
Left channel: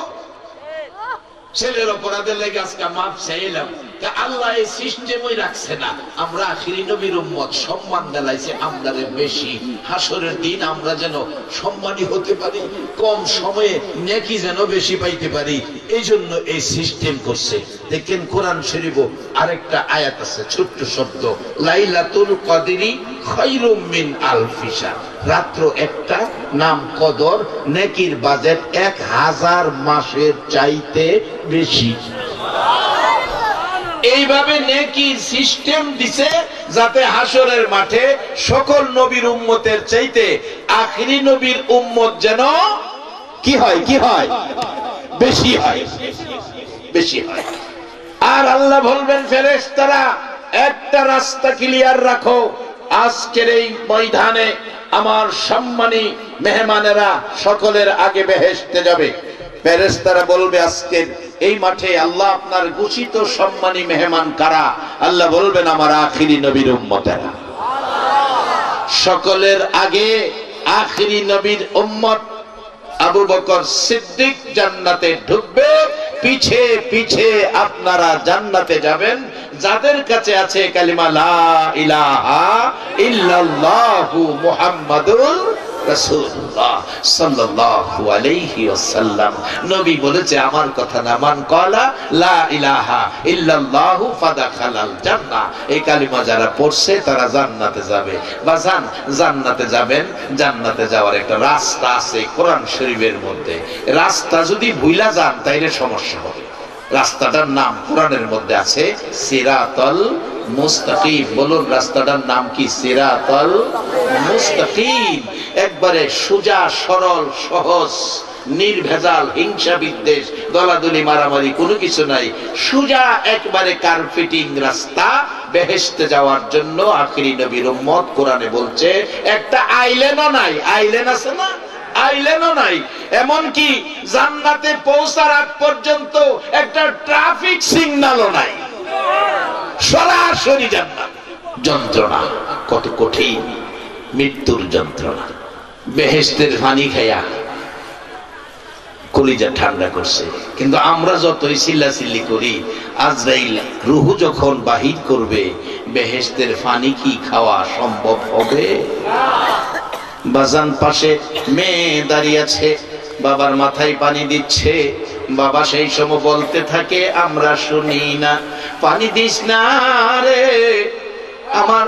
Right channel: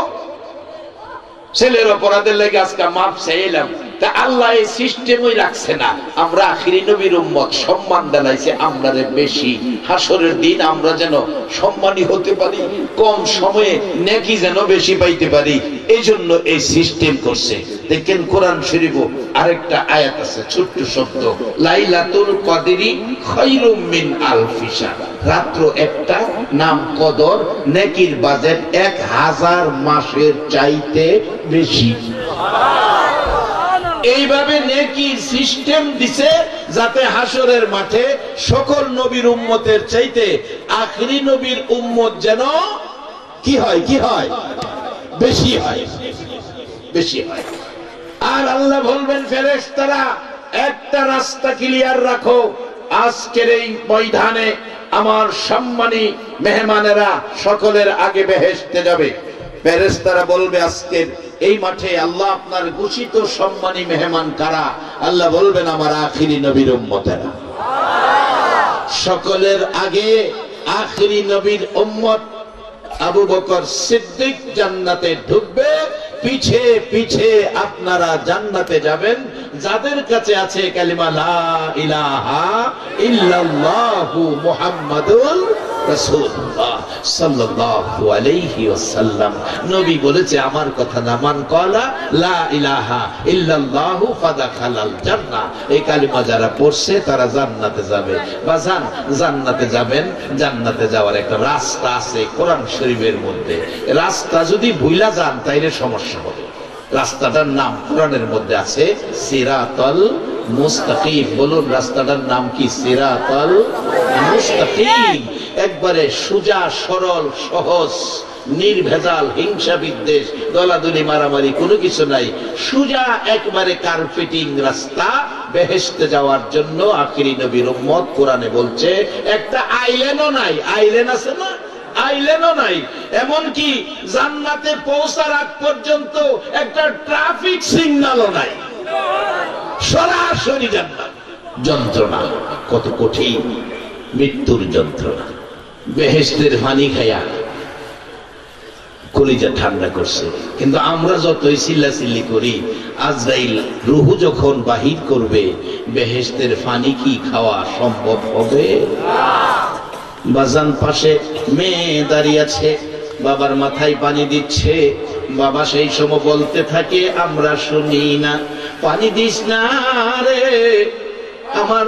ছেলের অপরাধের লেগে আজকে মাপ চাইলাম। তা আল্লাহ এই সিস্টেমই রাখছে না। আমরা আখিরি নবীর উম্মত, সম্মান জানাইছে আমাদের বেশি। হাসরের দিন আমরা যেন সম্মানী হতে পারি, কম সময়ে নেকি যেন বেশি পাইতে পারি, এই জন্য এই সিস্টেম করছে। দেখেন কোরআন শরীফ আরেকটা আয়াত আছে, ছোট্ট শব্দ, লাইলাতুল কদরি খায়রুম মিন আলফি শাহর। রাত্র একটা, নাম কদর, নেকির বাজেট 1000 মাসের চাইতে বেশি। এইভাবে নেকির সিস্টেম দিছে যাতে হাসরের মাঠে সকল নবীর উম্মতের চাইতে আখিরি নবীর উম্মত যেন কি হয়? কি হয়? বেশি হয়, বেশি হয়। আর আল্লাহ বলবেন, ফেরেশতারা একটা রাস্তা ক্লিয়ার রাখো, আজকের এই ময়দানে আমার সম্মানী মেহমানেরা সকলের আগে বেহেশতে যাবে। ফেরেশতারা বলবে, আজকের এই মাঠে আল্লাহ আপনার ঘোষিত সম্মানী মেহমান কারা? আল্লাহ বলবেন, আমার আখিরি নবীর উম্মতেরা। সকলের আগে আখিরি নবীর উম্মত আবু বকর সিদ্দিক জান্নাতে ঢুকবে, পিছে পিছে আপনারা জান্নাতে যাবেন যাদের কাছে আছে কালিমা লা ইলাহা ইল্লাল্লাহু মুহাম্মাদুর রাসূলুল্লাহ সাল্লাল্লাহু আলাইহি ওয়াসাল্লাম। নবী বলেছে আমার কথা না, মান ক্বালা লা ইলাহা ইল্লাল্লাহু ফাদাখালাল জান্নাহ, এই কালিমা যারা পড়ছে তারা জান্নাতে যাবে। বাজান জান্নাতে যাবেন, জান্নাতে যাওয়ার একটা রাস্তা আছে কোরআন শরীফের মধ্যে। রাস্তা যদি ভুলা যান তাইলে সমস্যা হবে। রাস্তাটার নাম কোরআনের মধ্যে আছে সিরাতাল মুস্তাকিম। বলুন রাস্তাটার নাম কি? সিরাতাল মুস্তাকিম। একবারে সোজা সরল সহজ নির্ভেজাল, হিংসা বিদ্বেষ দলাদলি মারামারি কোনো কিছু নাই, সোজা একবারে কার্পেটিং রাস্তা বেহেশতে যাওয়ার জন্য। আখিরি নবীর উম্মত কোরআনে বলছে একটা আইল্যান্ডও নাই। আইল্যান্ড আছে না? আইল্যান্ডও নাই। এমনকি জান্নাতে পৌঁছার আগ পর্যন্ত একটা ট্রাফিক সিগন্যালও নাই। সরাসরি জান্নাত। যন্ত্রণা কত কঠিন, মৃত্যুর যন্ত্রণা। বেহেশতের পানি খায়া কলিজা ঠান্ডা করছে। কিন্তু আমরা যতই চিল্লাচিল্লি করি, আজরাইল রূহ যখন বাহির করবে, বেহেশতের পানি কি খাওয়া সম্ভব হবে? বাজান পাশে মেয়ে দাঁড়িয়ে আছে, বাবার মাথায় পানি দিচ্ছে। বাবা সেই সময় বলতে থাকে আমরা শুনি না, পানি দিস না রে, আমার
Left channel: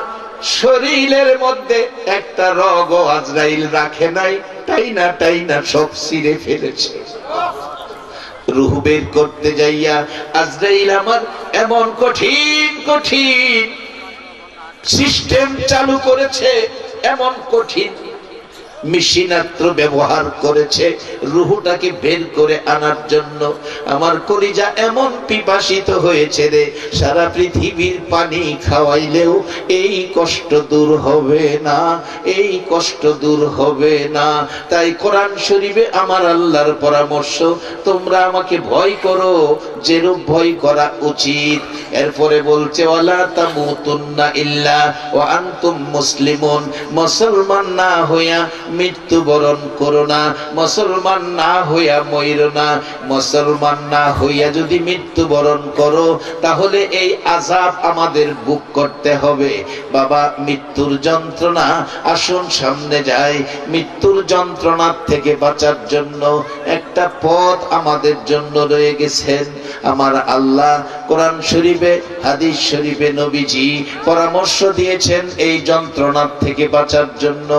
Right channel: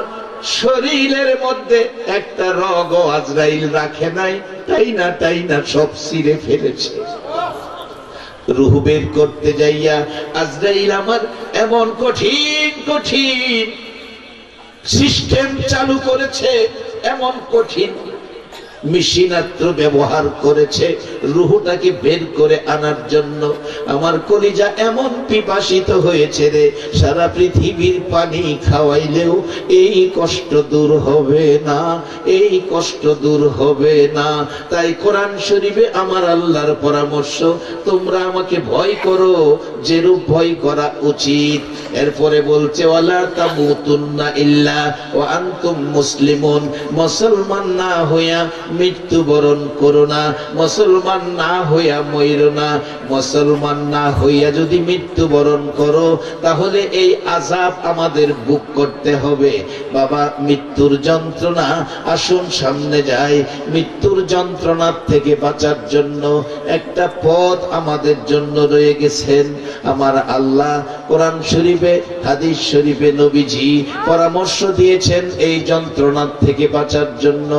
শরীরের মধ্যে একটা রগও আজরাইল রাখে নাই, তাই না সব ছিঁড়ে ফেলেছে। রূহ বের করতে যাইয়া আজরাইল আমার এমন কঠিন কঠিন সিস্টেম চালু করেছে, এমন কঠিন মেশিনাস্ত্র ব্যবহার করেছে রূহটাকে বের করে আনার জন্য। আমার কলিজা এমন পিপাসিত হয়েছে রে, সারা পৃথিবীর পানি খাওয়াইলেও এই কষ্ট দূর হবে না, এই কষ্ট দূর হবে না। তাই কোরআন শরীফে আমার আল্লাহর পরামর্শ, তোমরা আমাকে ভয় করো যেরূপ ভয় করা উচিত। এরপরে বলছে ওয়ালা তামুতুন্না ইল্লা ওয়া আনতুম মুসলিমুন, মুসলমান না হইয়া মৃত্যুবরণ করো না, মুসলমান না হইয়া মইরো না। মুসলমান না হইয়া যদি মৃত্যুবরণ করো তাহলে এই আযাব আমাদের ভোগ করতে হবে। বাবা মৃত্যুর যন্ত্রণা, আসুন সামনে যাই। মৃত্যুর যন্ত্রণার থেকে বাঁচার জন্য একটা পথ আমাদের জন্য রয়ে গেছেন। আমার আল্লাহ কোরআন শরীফে, হাদিস শরীফে নবীজি পরামর্শ দিয়েছেন এই যন্ত্রণার থেকে বাঁচার জন্য।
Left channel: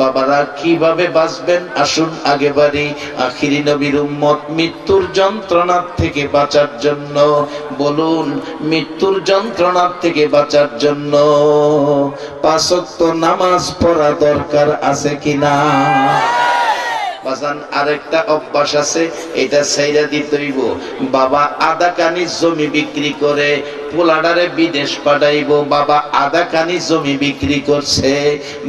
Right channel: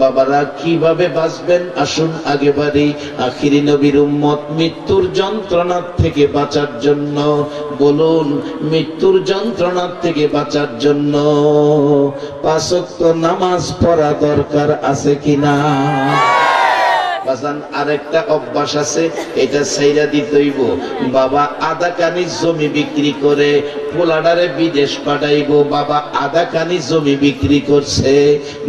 বাবারা কিভাবে বাঁচবেন? আসুন আগে বাড়ি। আখিরি নবীর উম্মত মৃত্যুর যন্ত্রণার থেকে বাঁচার জন্য বলুন, মৃত্যুর যন্ত্রণার থেকে বাঁচার জন্য 5 ওয়াক্ত নামাজ পড়া দরকার আছে কিনা? বাজান আরেকটা অভ্যাস আছে, এটা ছাইরা দিতেইব। বাবা আধা কানি জমি বিক্রি করে পোলাডারে বিদেশ পাঠাইব। বাবা আধা কানি জমি বিক্রি করছে,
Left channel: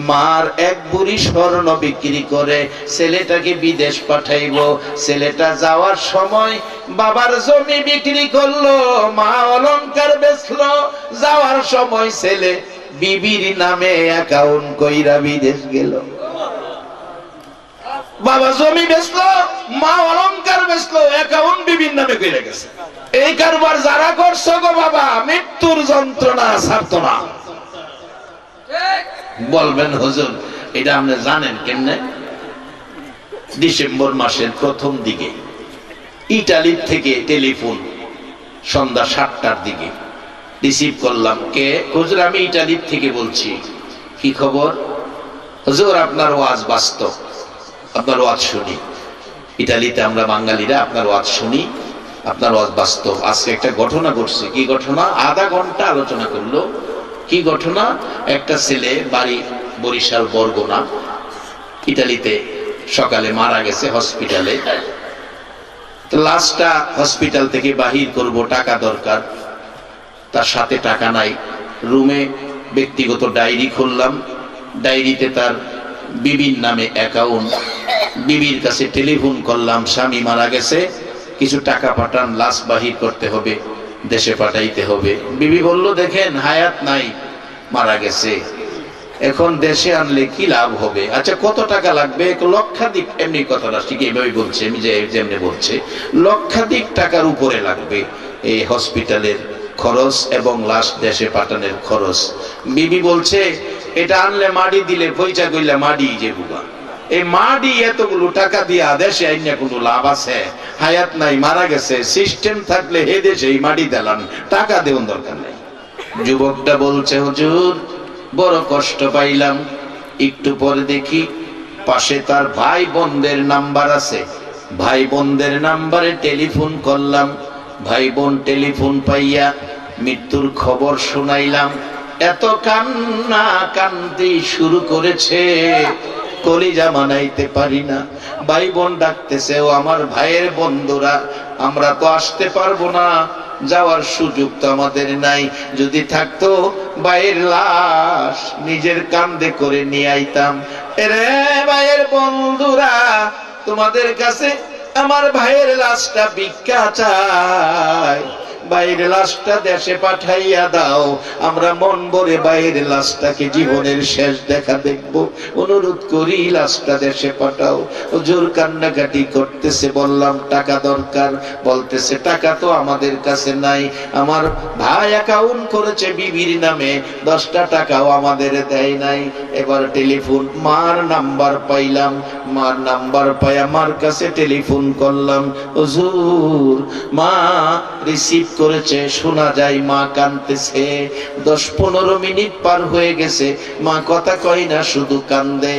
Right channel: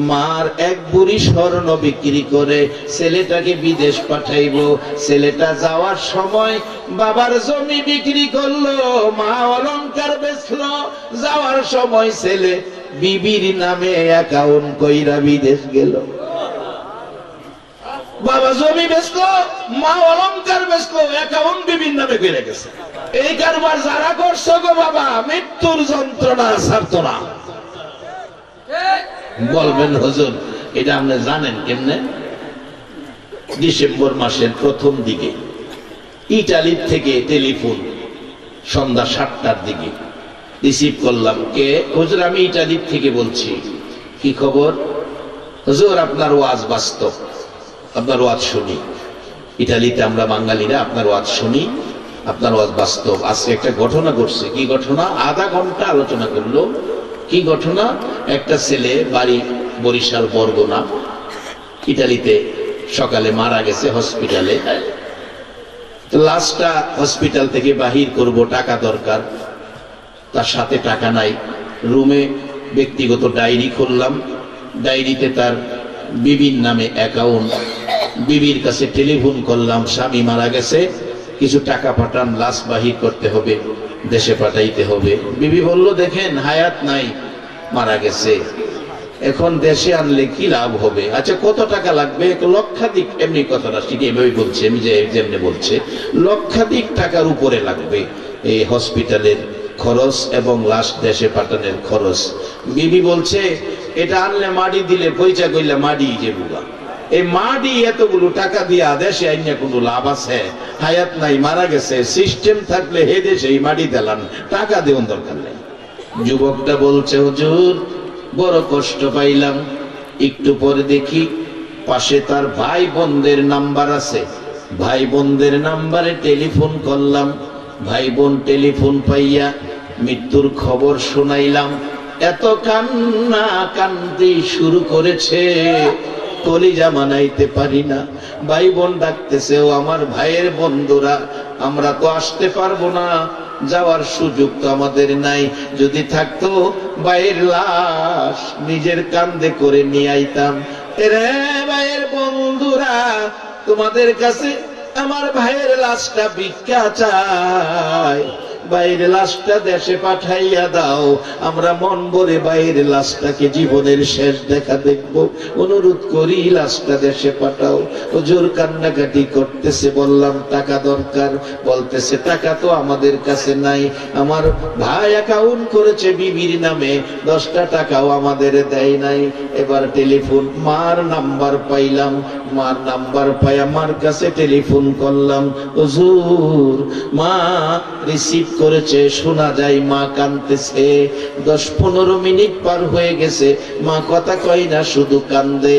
মার এক বুড়ি স্বর্ণ বিক্রি করে ছেলেটাকে বিদেশ পাঠাইব। ছেলেটা যাওয়ার সময় বাবার জমি বিক্রি করলো, মা অলংকার বেচলো। যাওয়ার সময় ছেলে বিবির নামে অ্যাকাউন্ট কইরা বিদেশ গেল। বাবা জমি বেচলো, মা অলংকার বেচলো, অ্যাকাউন্ট বিবির নামে কইরা গেছে। এই কারবার যারা করছো গো বাবা, মৃত্যুর যন্ত্রণা ছাড়তো না। বলবেন হুজুর এটা আপনি জানেন কেমনে? ডিসেম্বর মাসের প্রথম দিকে ইটালি থেকে টেলিফোন সন্ধ্যা 7টার দিকে রিসিভ করলাম। কে? হুজুর আমি ইটালি থেকে বলছি। কি খবর? হুজুর আপনার ওয়াজ বাস্তব, আপনার ওয়াজ শুনি। ইটালিতে আমরা বাঙালিরা আপনার ওয়াজ শুনি, আপনার ওয়াজ বাস্তব। আজকে একটা ঘটনা ঘটছে। কি ঘটনা? আধা ঘন্টা আলোচনা করলো। কি ঘটনা? একটা ছেলে, বাড়ি বরিশাল বরগুনা, ইটালিতে সকালে মারা গেছে হসপিটালে। লাশটা হসপিটাল থেকে বাহির করব, টাকা দরকার, তার সাথে টাকা নাই। রুমে ব্যক্তিগত ডায়েরি খুললাম, ডায়েরিতে তার বিবির নামে অ্যাকাউন্ট। বিবির কাছে টেলিফোন করলাম, স্বামী মারা গেছে, কিছু টাকা পাঠান, লাশ বাহির করতে হবে, দেশে পাঠাইতে হবে। বিবি বলল দেখেন হায়াত নাই, মারা গেছে। এখন দেশে আনলে কি লাভ হবে? আচ্ছা কত টাকা লাগবে? 1 লক্ষাধিক, এমনি কথাটা ঠিক এইভাবে বলছে, আমি যেমনি বলছে লক্ষাধিক টাকার উপরে লাগবে এই হসপিটালের খরচ এবং লাশ দেশে পাঠানোর খরচ। বিবি বলছে এটা আনলে মাটি দিলে পয়সা কইলা মাটি যে বুবা, এই মাটি এতগুলো টাকা দিয়া দেশে আইনা কোনো লাভ আছে? হায়াত নাই, মারা গেছে, সিস্টেম থাকলে হে দেশে এই মাটি দিলাম, টাকা দেওয়ার দরকার নেই। যুবকটা বলছে হুজুর বড় কষ্ট পাইলাম। একটু পরে দেখি পাশে তার ভাই বোনদের নাম্বার আছে, ভাই বোনদের নাম্বারে টেলিফোন করলাম, ভাই বোন টেলিফোন পাইয়া মৃত্যুর খবর শুনাইলাম। এত কান্না কান্দি শুরু করেছে, কলিজা মানাইতে পারি না। ভাই বোন ডাকতেছে, ও আমার ভাইয়ের বন্ধুরা, আমরা তো আসতে পারবো না, যাওয়ার সুযোগ তো আমাদের নাই, যদি থাকতো ভাইয়ের লাশ নিজের কান্দে করে নিয়ে আইতাম। এরে ভাইয়ের বন্ধুরা, তোমাদের কাছে আমার ভাইয়ের লাশটা ভিক্ষা চাই, ভাইয়ের লাশটা দেশে পাঠাইয়া দাও, আমরা মন ভরে ভাইয়ের লাশটাকে জীবনের শেষ দেখা দেখব, অনুরোধ করি লাশটা দেশে পাঠাও। হুজুর কান্নাকাটি করতেছে, বললাম টাকা দরকার, বলতেছে টাকা তো আমাদের কাছে নাই, আমার ভাই অ্যাকাউন্ট করেছে বিবির নামে, 10টা টাকাও আমাদের দেয় নাই। এবার টেলিফোন, মার নাম্বার পাইলাম, মার নাম্বার পাই আমার কাছে টেলিফোন করলাম, হুজুর মা রিসিভ করেছে, শোনা যায় মা কাঁদতেছে। 10-15 মিনিট পার হয়ে গেছে, মা কথা কয় না, শুধু কান্দে,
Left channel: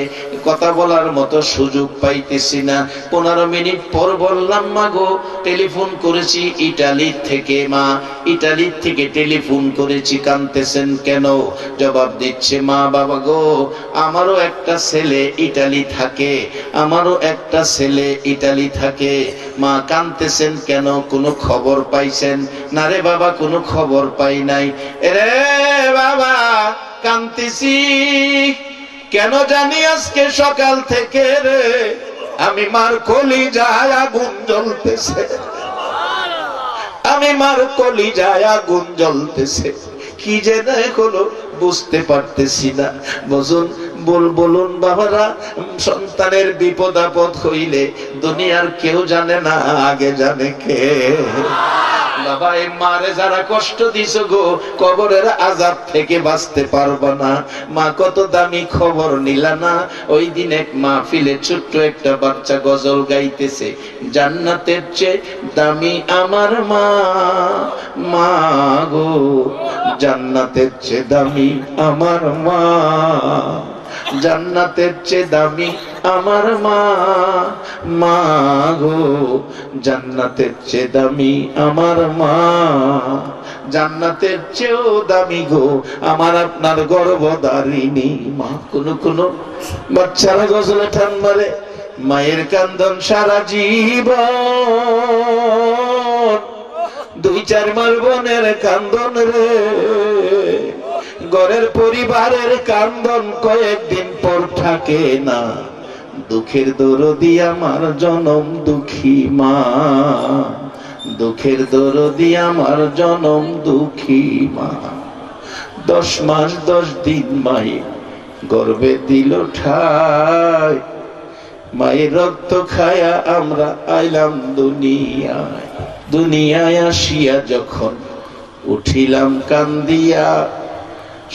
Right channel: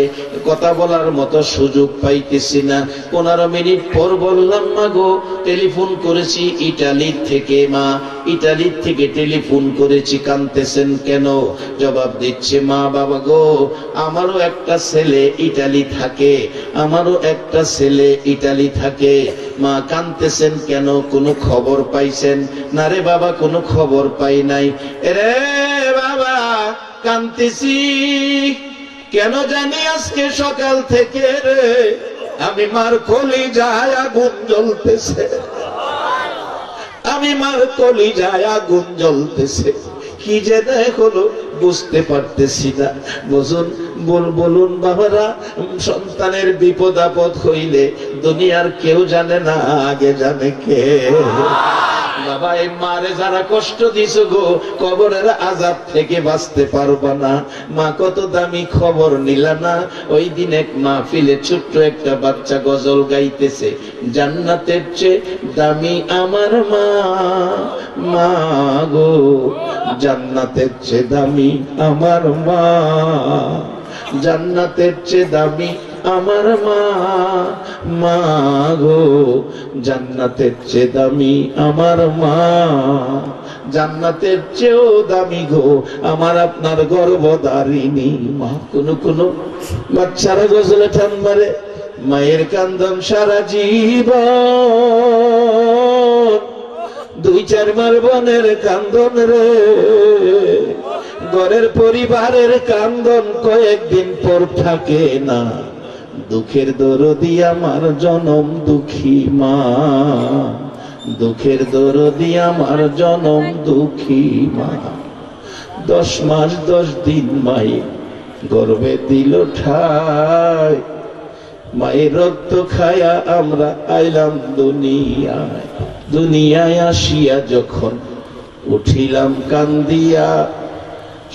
কথা বলার মতো সুযোগ পাইতেছি না। 15 মিনিট পর বললাম, মা গো টেলিফোন করেছি ইটালি থেকে, মা ইটালি থেকে টেলিফোন করেছি, কাঁদতেছেন কেন? জবাব দিচ্ছে, মা বাবা গো আমারও একটা ছেলে ইটালি থাকে, আমারও একটা ছেলে ইটালি থাকে, মা কাঁদতেছেন কেন? কোনো খবর পাইছেন? না রে বাবা কোনো খবর পাই নাই। রে বাবা কাঁদতেছি কেন জানি আজকে সকাল থেকে রে, আমি মার কলিজায় আগুন জ্বলতেছে, আমি মার কলিজায় আগুন জ্বলতেছে, কি যে এখনো বুঝতে পারতেছি না। বলুন বাবারা, সন্তানের বিপদ আপদ হইলে দুনিয়ার কেউ জানে না, আগে জানে কে? বাবা এই মারে যারা কষ্ট দিছ গো, কবরের আযাব থেকে বাঁচতে পারবা না। মা কত দামি খবর নিলা না? ওই দিন এক মাহফিলে ছোট্ট একটা বাচ্চা গজল গাইতেছে, জান্নাতের চেয়ে দামি আমার মা, মা গো জান্নাতের চেয়ে দামি আমার মা, জান্নাতের চেয়ে দামি আমার মা, মা গো জান্নাতের চেয়ে দামি আমার মা, জান্নাতের চেয়েও দামি গো আমার আপনার গর্ভধারিণী মা। কোন বাচ্চারা গজলে ঠান মারে, মায়ের কান্দন সারা জীবন, 2-4 মার বোনের কান্দন রে, ঘরের পরিবারের কান্দন কয়েকদিন পর থাকে না। দুঃখের দরদি আমার জনম দুঃখী মা, দুঃখের দরদি আমার জনম দুঃখী মা। 10 মাস 10 দিন মায়ের গর্ভে দিল ঠাই, মায়ের রক্ত খায়া আমরা আইলাম দুনিয়ায়। দুনিয়ায় আসিয়া যখন উঠিলাম কান্দিয়া,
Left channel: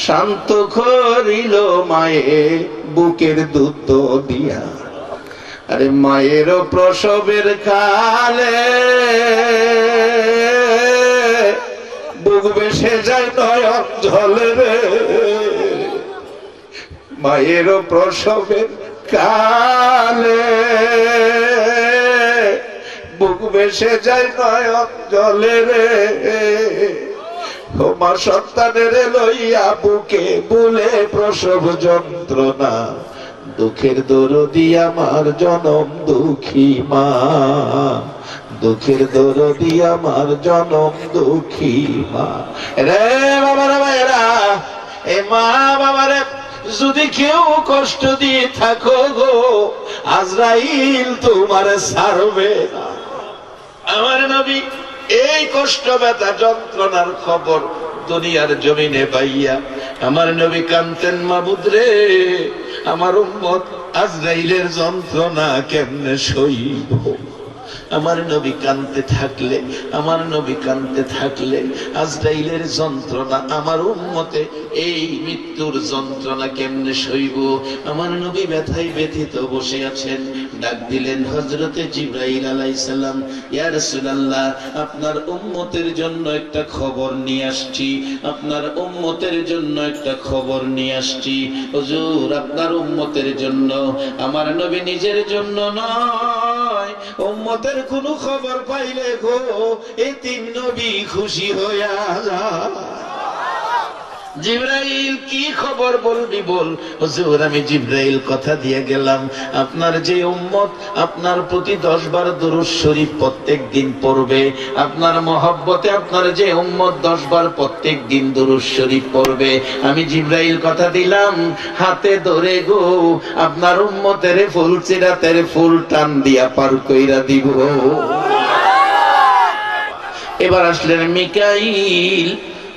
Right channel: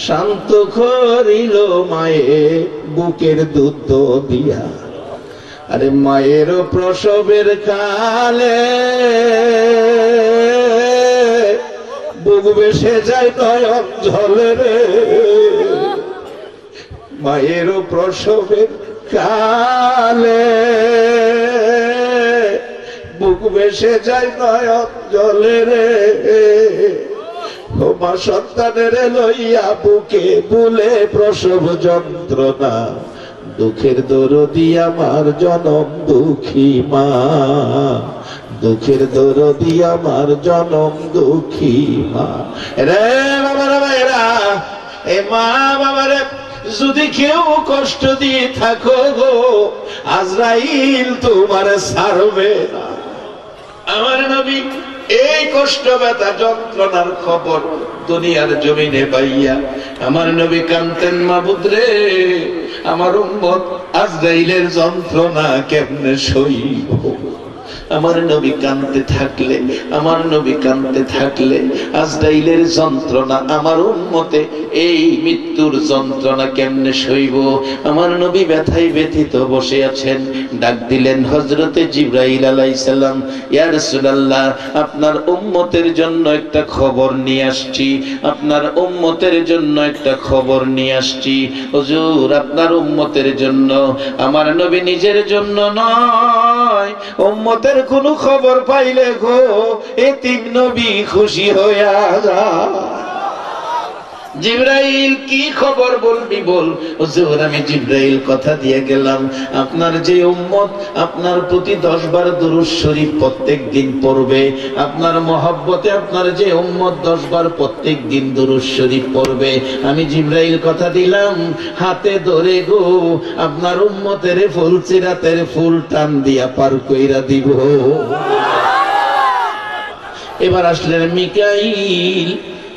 শান্ত করিল মায়ে বুকের দুধ দিয়া। আরে মায়ের প্রসবের কালে বুক বেসে যায় নয়ন জলে রে, মায়ের প্রসবের কালে বুক বেসে যায় নয়ন জলে রে। মা সন্তানের লইয়া বুকে বুলে প্রসব যন্ত্রণা, দুঃখের দরদি আমার জনম দুঃখী মা, দুঃখের দরদি আমার জনম দুঃখী মা। রে বাবারা ভাইরা, এ মা বাবারে যদি কেউ কষ্ট দিয়ে থাকো গো, আজরাইল তোমার ছাড়বে না। আমার নবী এই কষ্ট ব্যথা যন্ত্রণার খবর দুনিয়ার জমিনে পাইয়া আমার নবী কাঁদতেন, মাবুদ রে আমার উম্মত আজরাইলের যন্ত্রণা কেমনে সইব। আমার নবী কাঁদতে থাকলে, আমার নবী কাঁদতে থাকলে আজরাইলের যন্ত্রণা আমার উম্মতে এই মৃত্যুর যন্ত্রণা কেমনে সইব। আমার নবী ব্যথায় ব্যথিত বসে আছেন। ডাক দিলেন হযরতে জিবরাইল আলাইহিস সালাম, ইয়া রাসূলুল্লাহ আপনার উম্মতের জন্য একটা খবর নিয়ে আসছি, আপনার উম্মতের জন্য একটা খবর নিয়ে আসছি। হুজুর আপনার উম্মতের জন্য। আমার নবী নিজের জন্য নয়, উম্মতের কোনো খবর পাইলে গো এতিম নবী খুশি হইয়া যায়। জিবরাইল কি খবর বলবি বল। হুজুর আমি জিবরাইল কথা দিয়ে গেলাম, আপনার যে উম্মত আপনার প্রতি 10 বার দুরূদ শরীফ প্রত্যেক দিন পড়বে, আপনার মহব্বতে আপনার যে উম্মত 10 বার প্রত্যেক দিন দুরূদ শরীফ পড়বে, আমি জিবরাইল কথা দিলাম হাতে ধরে গো আপনার উম্মতের ফুল সিরাতের ফুল টান দিয়া পার কইরা দিব। এবার আসলেন মিকাইল,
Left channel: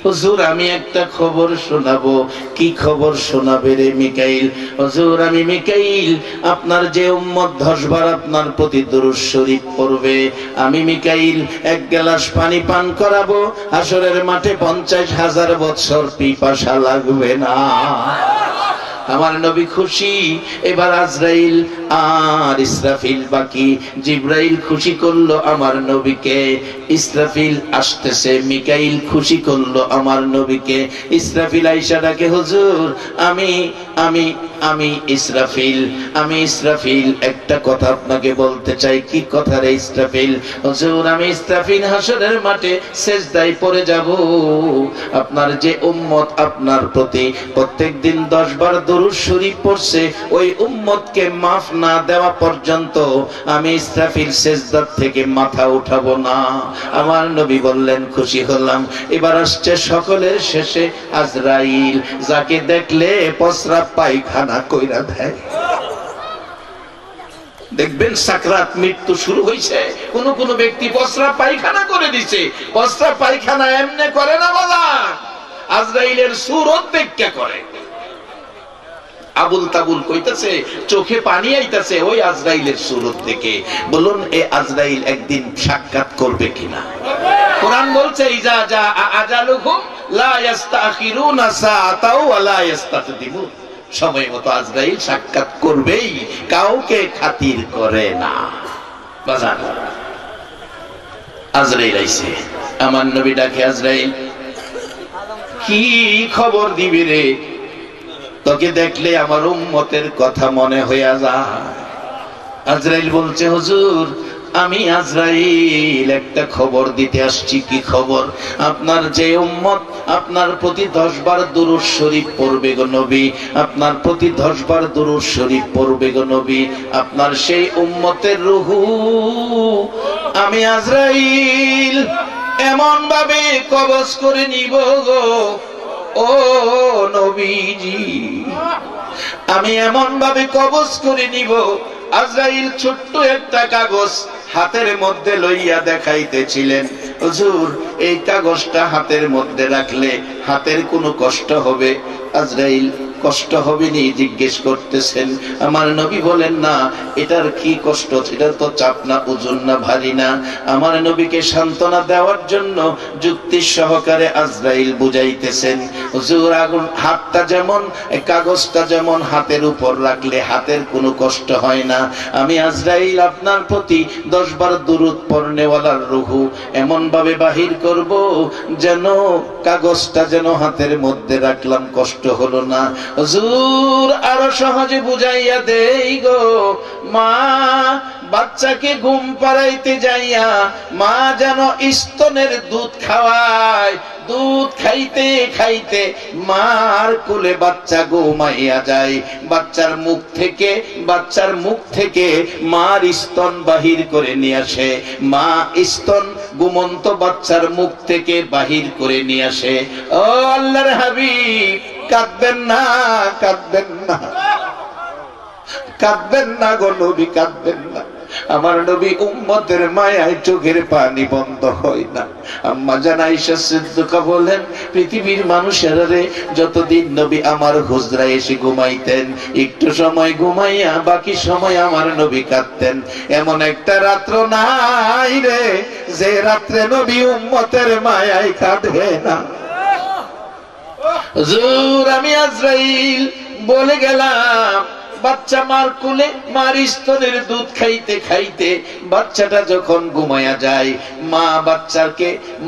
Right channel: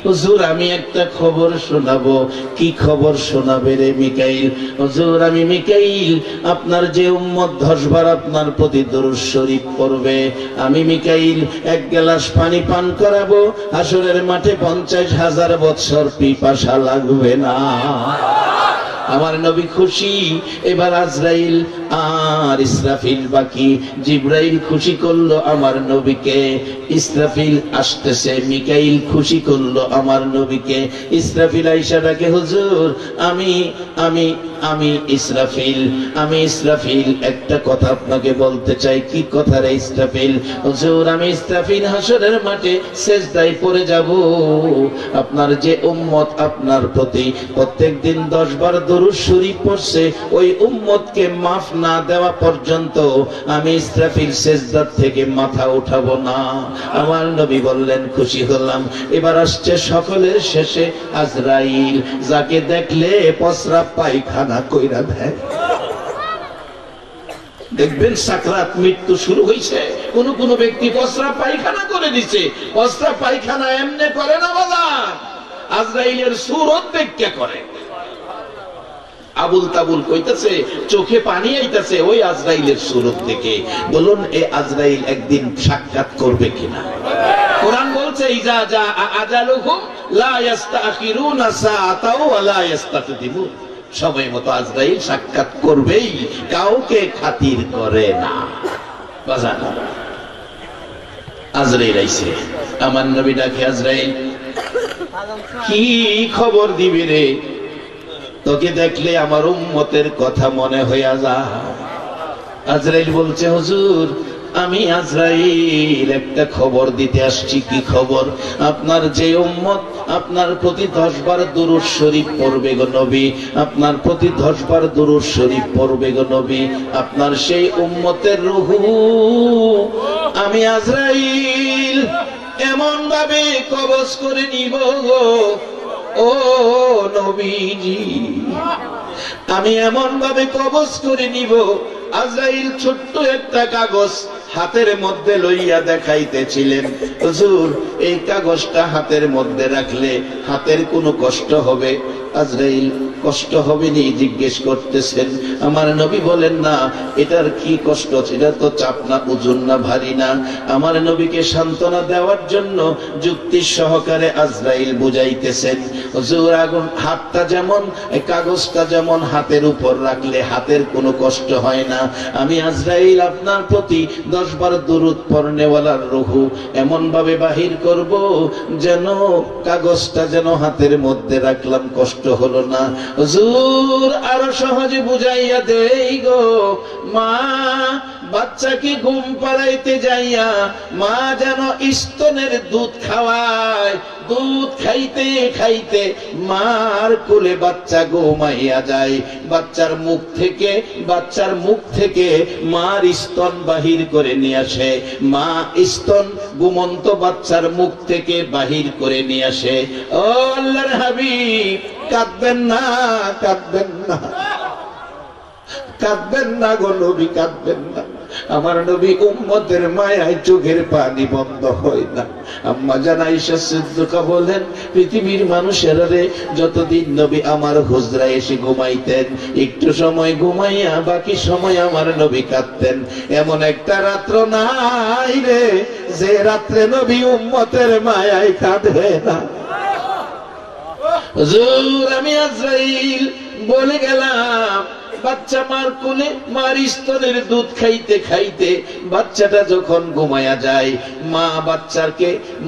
হুজুর আমি একটা খবর শোনাবো। কি খবর শোনাবে রে মিকাইল? হুজুর আমি মিকাইল আপনার যে উম্মত 10 বার আপনার প্রতি দুরূদ শরীফ পড়বে, আমি মিকাইল 1 গ্লাস পানি পান করাবো, হাসরের মাঠে 50,000 বছর পিপাসা লাগবে না। আমার নবী খুশি। এবার আজরাইল আর ইসরাফিল বাকি। জিবরাইল খুশি করলো আমার নবীকে, ইসরাফিল আসতেছে। মিকাইল খুশি করলো আমার নবীকে। ইসরাফিল আইসা ডাকে, হুজুর আমি আমি আমি ইসরাফিল, আমি ইসরাফিল একটা কথা আপনাকে বলতে চাই। কি কথা রে ইসরাফিল? হুজুর আমি ইসরাফিল হাসরের মাঠে সেজদায় পড়ে যাব। আপনার যে উম্মত আপনার প্রতি প্রত্যেকদিন 10 বার দুরূদ শরীফ পড়ছে, ওই উম্মতকে মাফ না দেওয়া পর্যন্ত আমি ইসরাফিল সেজদা থেকে মাথা উঠাবো না। আমার নবী বললেন খুশি হলাম। এবার আসছে সকলের শেষে আজরাইল, যাকে দেখলে প্রস্রাব পায়খানা কইরা দেয়। দেখবেন সাকরাত মৃত্যু শুরু হয়েছে, কোন কোন ব্যক্তি প্রস্রাব পায়খানা করে দিছে। প্রস্রাব পায়খানা এমনি করে না বাজার, আজরাইলের সুরত দেখে করে। আবুল তাবুল কইতাছে, চোখে পানি আইতাছে ওই আজরাইলের সুরত দেখে। বলুন এ আজরাইল একদিন সাক্ষাৎ করবে কিনা? কোরআন বলছে ইজা জা আজালুহুম লা ইস্তাখিরুনা সাআতাও ওয়া লা ইস্তাকদিমুন। সময় মতো আজরাইল সাক্ষাৎ করবেই, কাউকে খাতির করে না। বাজান আজরাইল আইছে, আমার নবী ডাকে, আজরাইল কি খবর দিবি রে? তোকে দেখলে আমার উম্মতের কথা মনে হইয়া যায়। আজরাইল বলছে, হুজুর আমি আজরাইল একটা খবর দিতে আসছি। কি খবর? আপনার যে উম্মত আপনার প্রতি 10 বার দুরূদ শরীফ পড়বে গো নবী, আপনার প্রতি 10 বার দুরূদ শরীফ পড়বে গো নবী, আপনার সেই উম্মতের রূহু আমি আজরাইল এমন ভাবে কবজ করে নিব গো ও নবীজি, আমি এমন ভাবে কবজ করে নিব। আজরাইল ছোট্ট একটা কাগজ হাতের মধ্যে লইয়া দেখাইতেছিলেন, হুজুর এই কাগজটা হাতের মধ্যে রাখলে হাতের কোনো কষ্ট হবে? আজরাইল কষ্ট হবে নি জিজ্ঞেস করতেছেন। আমার নবী বলেন না এটার কি কষ্ট, এটা তো চাপ না, ওজন না, ভারী না। আমার নবীকে সান্ত্বনা দেওয়ার জন্য যুক্তি সহকারে আজরাইল বুঝাইতেছেন, হুজুর আগুন হাতটা যেমন, কাগজটা যেমন হাতের উপর রাখলে হাতের কোনো কষ্ট হয় না, আমি আজরাইল আপনার প্রতি 10 বার দুরূদ পড়নেওয়ালার রূহু এমন ভাবে বাহির করব যেন কাগজটা যেন হাতের মধ্যে রাখলাম কষ্ট হলো না। হুজুর আরো সহজে বুঝাইয়া দেই গো, মা বাচ্চাকে ঘুম পাড়াইতে যাইয়া মা যেন স্তনের দুধ খাওয়ায়, দুধ খাইতে খাইতে মার কোলে বাচ্চা ঘুমাইয়া যায়, বাচ্চার মুখ থেকে মার স্তন বাহির করে নিয়ে আসে, মা স্তন ঘুমন্ত বাচ্চার মুখ থেকে বাহির করে নিয়ে আসে। ও আল্লাহর হাবিব কাঁদবেন না, কাঁদবেন না, কাঁদবেন না গো নবী, কাঁদবেন না। আমার নবী উম্মতের মায়ায় চোখের পানি বন্ধ হয় না। আম্মা জান আয়েশা সিদ্দিকা বলেন, পৃথিবীর মানুষেরা রে, যতদিন নবী আমার হুজরায় এসে ঘুমাইতেন, একটু সময় ঘুমাইয়া বাকি সময় আমার নবী কাঁদতেন। এমন একটা রাত্র নাই রে যে রাত্রে নবী উম্মতের মায়ায় কাঁদে না। হুজুর, আমি আজরাইল বলে গেলাম, বাচ্চা মার কোলে মার স্তনের দুধ খাইতে খাইতে বাচ্চাটা যখন ঘুমায়া যায়,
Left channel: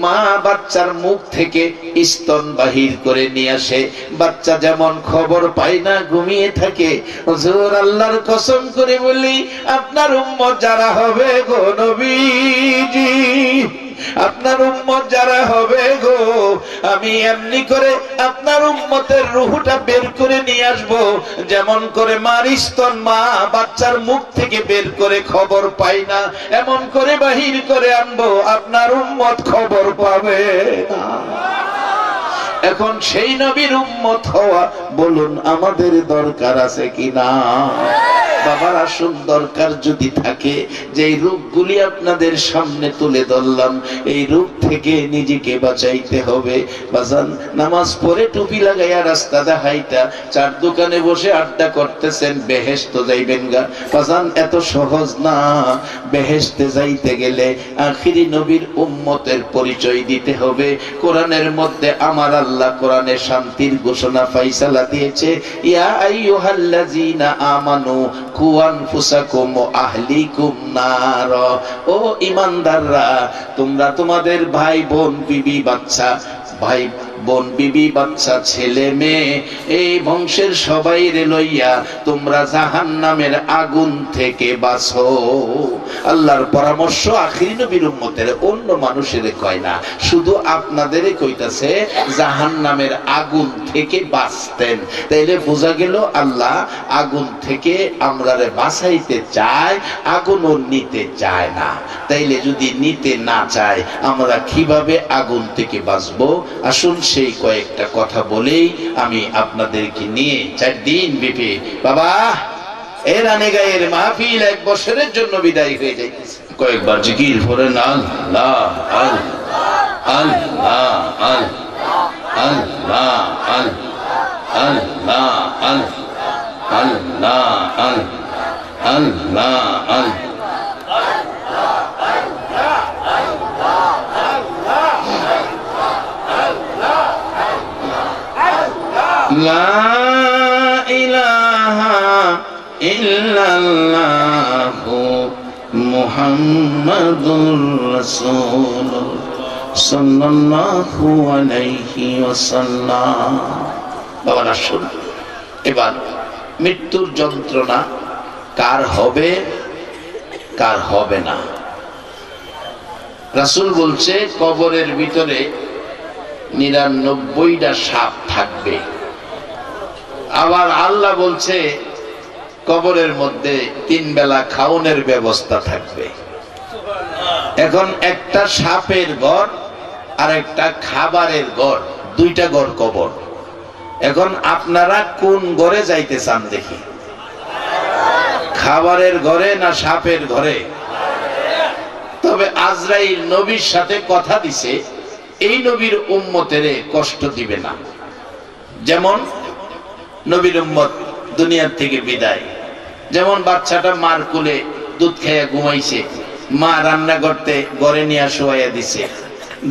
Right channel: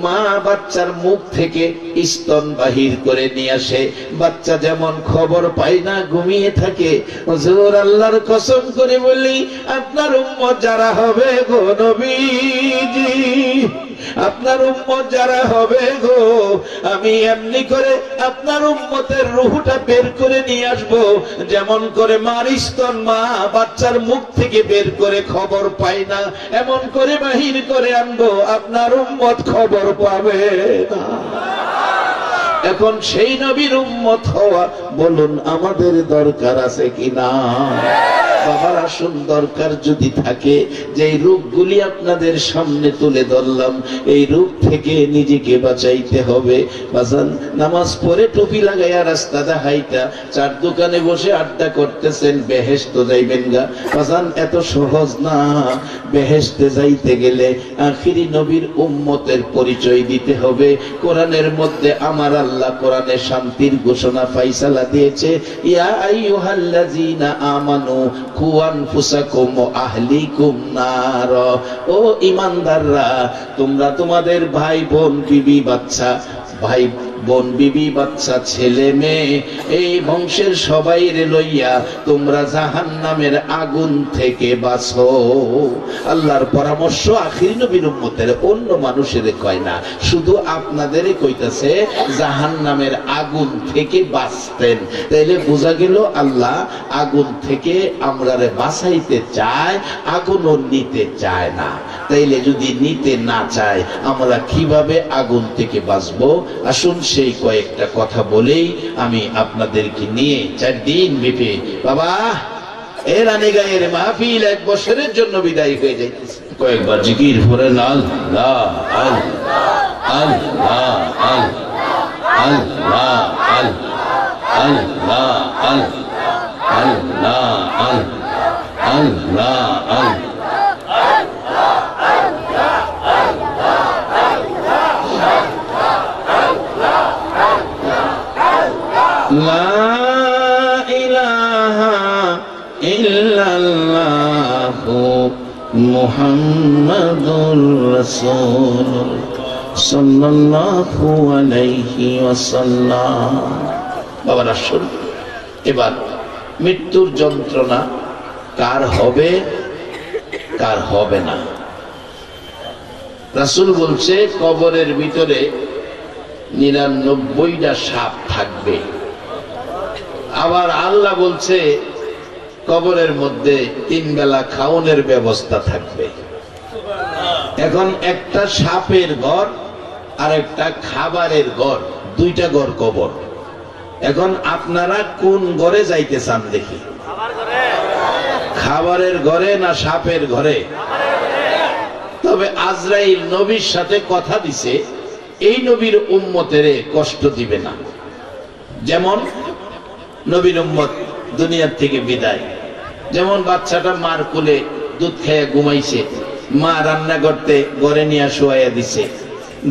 মা বাচ্চার মুখ থেকে স্তন বাহির করে নিয়ে আসে। বাচ্চা যেমন খবর পায় না, ঘুমিয়ে থাকে। হুজুর, আল্লাহর কসম করে বলি, আপনার উম্মত যারা হবে গো নবীজি, আপনার উম্মত যারা হবে গো, আমি এমনি করে আপনার উম্মতের রূহটা বের করে নিয়ে আসবো, যেমন করে মার স্তন মা বাচ্চার মুখ থেকে বের করে খবর পায় না, এমন করে বাহির করে আনবো, আপনার উম্মত খবর পাবে না। এখন সেই নবীর উম্মত হওয়া বলুন আমাদের দরকার আছে কিনা? বাবার আসুন, দরকার যদি থাকে, যে রূপগুলি আপনাদের সামনে তুলে ধরলাম, এই রূপ থেকে নিজেকে বাঁচাইতে হবে। বাজান, নামাজ পড়ে টুপি লাগাইয়া রাস্তা দেখাইতা চার দোকানে বসে আড্ডা করতেছেন, বেহেশত যাইবেন গা? বাজান, এত সহজ না। বেহেশতে যাইতে গেলে আখিরি নবীর উম্মতের পরিচয় দিতে হবে। কোরআনের মধ্যে আমার আল্লাহ কোরআনে শান্তির ঘোষণা ফাইসালা দিয়েছে, ইয়া আইয়ুহাল্লাযীনা আমানু কু আনফুসাকুম ওয়া আহলিকুম নার। ও ঈমানদাররা, তোমরা তোমাদের ভাই বোন বিবি বাচ্চা, ভাই বোন বিবি বাচ্চা ছেলে মেয়ে, এই বংশের সবাই রে লইয়া তোমরা জাহান্নামের আগুন থেকে বাঁচো। আল্লাহর পরামর্শ আখিরি নবীর উম্মতের, অন্য মানুষের কয় না, শুধু আপনাদেরই কইতাছে জাহান্নামের আগুন থেকে বাঁচতেন। তাইলে বোঝা গেল আল্লাহ আগুন থেকে আমরারে বাঁচাইতে চায়, আগুনও নিতে চায় না। তাইলে যদি নিতে না চায়, আমরা কিভাবে আগুন থেকে বাঁচবো? আসুন সেই কয়েকটা কথা বলেই আমি আপনাদেরকে নিয়ে 4 দিন ব্যাপী বাবা এর আনে গায়ের মাহফিল 1 বছরের জন্য বিদায় হয়ে যাইতেছে। কয়েকবার জিকির করেন আল্লাহ আল্লাহ আল্লাহ আল্লাহ আল্লাহ আল্লাহ আল্লাহ আল্লাহ লা ইলাহা ইল্লাল্লাহু মুহাম্মাদুর রাসূলুল্লাহ সাল্লাল্লাহু আলাইহি ওয়াসাল্লাম। বাবা রাসূল, এবার মৃত্যুর যন্ত্রণা কার হবে কার হবে না? রাসূল বলছে কবরের ভিতরে 99টা সাপ থাকবে। আবার আল্লাহ বলছে কবরের মধ্যে 3 বেলা খাওনের ব্যবস্থা থাকবে। এখন একটা সাপের ঘর আর একটা খাবারের ঘর, 2টা ঘর কবর। এখন আপনারা কোন ঘরে যাইতে চান দেখি? খাবারের ঘরে না সাপের ঘরে? তবে আজরাইল নবীর সাথে কথা দিছে, এই নবীর উম্মতের কষ্ট দিবে না। যেমন নবীর উম্মত দুনিয়ার থেকে বিদায়, যেমন বাচ্চাটা মার কোলে দুধ খাইয়া ঘুমাইছে, মা রান্না করতে ঘরে নিয়ে শোয়াইয়া দিছে।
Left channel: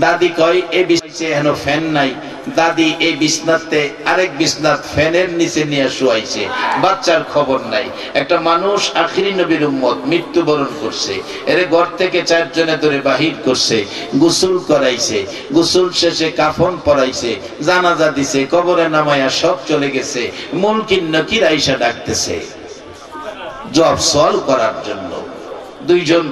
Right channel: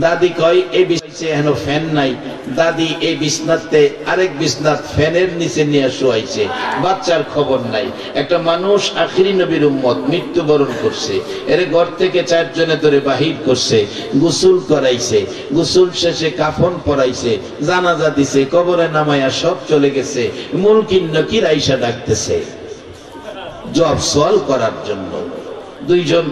দাদি কয় এই বিছাইছে এন ফ্যান নাই, দাদি এই বিছনাতে আরেক বিছনাত ফ্যানের নিচে নিয়ে শোয়াইছে, বাচ্চার খবর নাই। একটা মানুষ আখিরি নবীর উম্মত মৃত্যুবরণ করছে, এর ঘর থেকে 4 জনে ধরে বাহির করছে, গোসল করাইছে, গোসল শেষে কাফন পরাইছে, জানাজা দিছে, কবরে নামাইয়া সব চলে গেছে। মুনকির নকির আইসা ডাকতেছে জবাব সওয়াল করার জন্য। 2 জন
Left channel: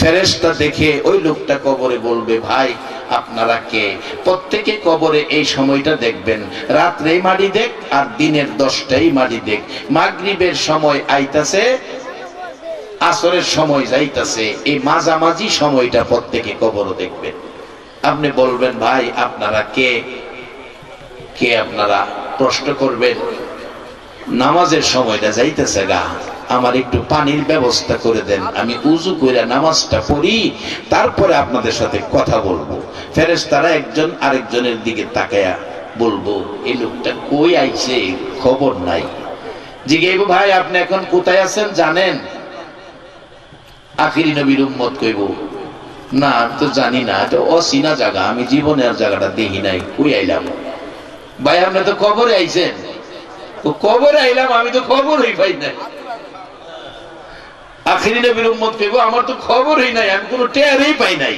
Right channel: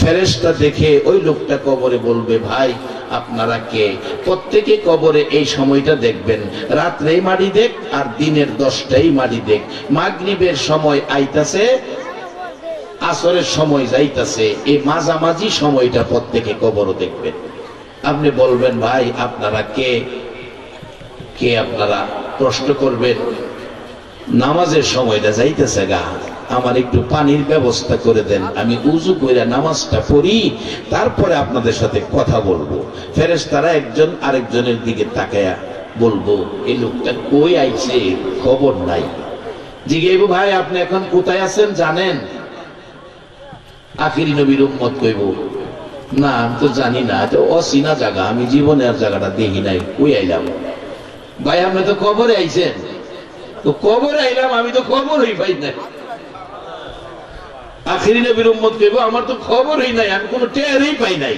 ফেরেশতা দেখে ওই লোকটা কবরে বলবে, ভাই আপনারা কে? প্রত্যেকে কবরে এই সময়টা দেখবেন, রাত্রে মাটি দেখ আর দিনের 10টাই মাটি দেখ। মাগরিবের সময় আইতাছে, আসরের সময় যাইতাছে, এই মাঝামাঝি সময়টা প্রত্যেকে কবরে দেখবেন। আপনি বলবেন, ভাই আপনারা কে? কে আপনারা? প্রশ্ন করবেন। নামাজের সময়টা যাইতেছে গা, আমার একটু পানির ব্যবস্থা করে দেন, আমি উযু করে নামাজটা পড়ি, তারপরে আপনাদের সাথে কথা বলবো। ফেরেশতারা একজন আরেকজনের দিকে তাকায়া বলবো, এই লোকটা কই আইছে, খবর নাই। জিজ্ঞাসা, ভাই আপনি এখন কোথায় আছেন জানেন? আখিরি নবীর উম্মত কইব, না আমি তো জানি না, এটা অচেনা জায়গা, আমি জীবনে আর জায়গাটা দেখি নাই, কই আইলাম? ভাই আপনি তো কবরে আইছেন। তো কবরে আইলাম, আমি তো খবরই পাই নাই। আখিরি নবীর উম্মত কইব, আমার তো খবরই নাই, আমি কোনো টেরই পাই নাই।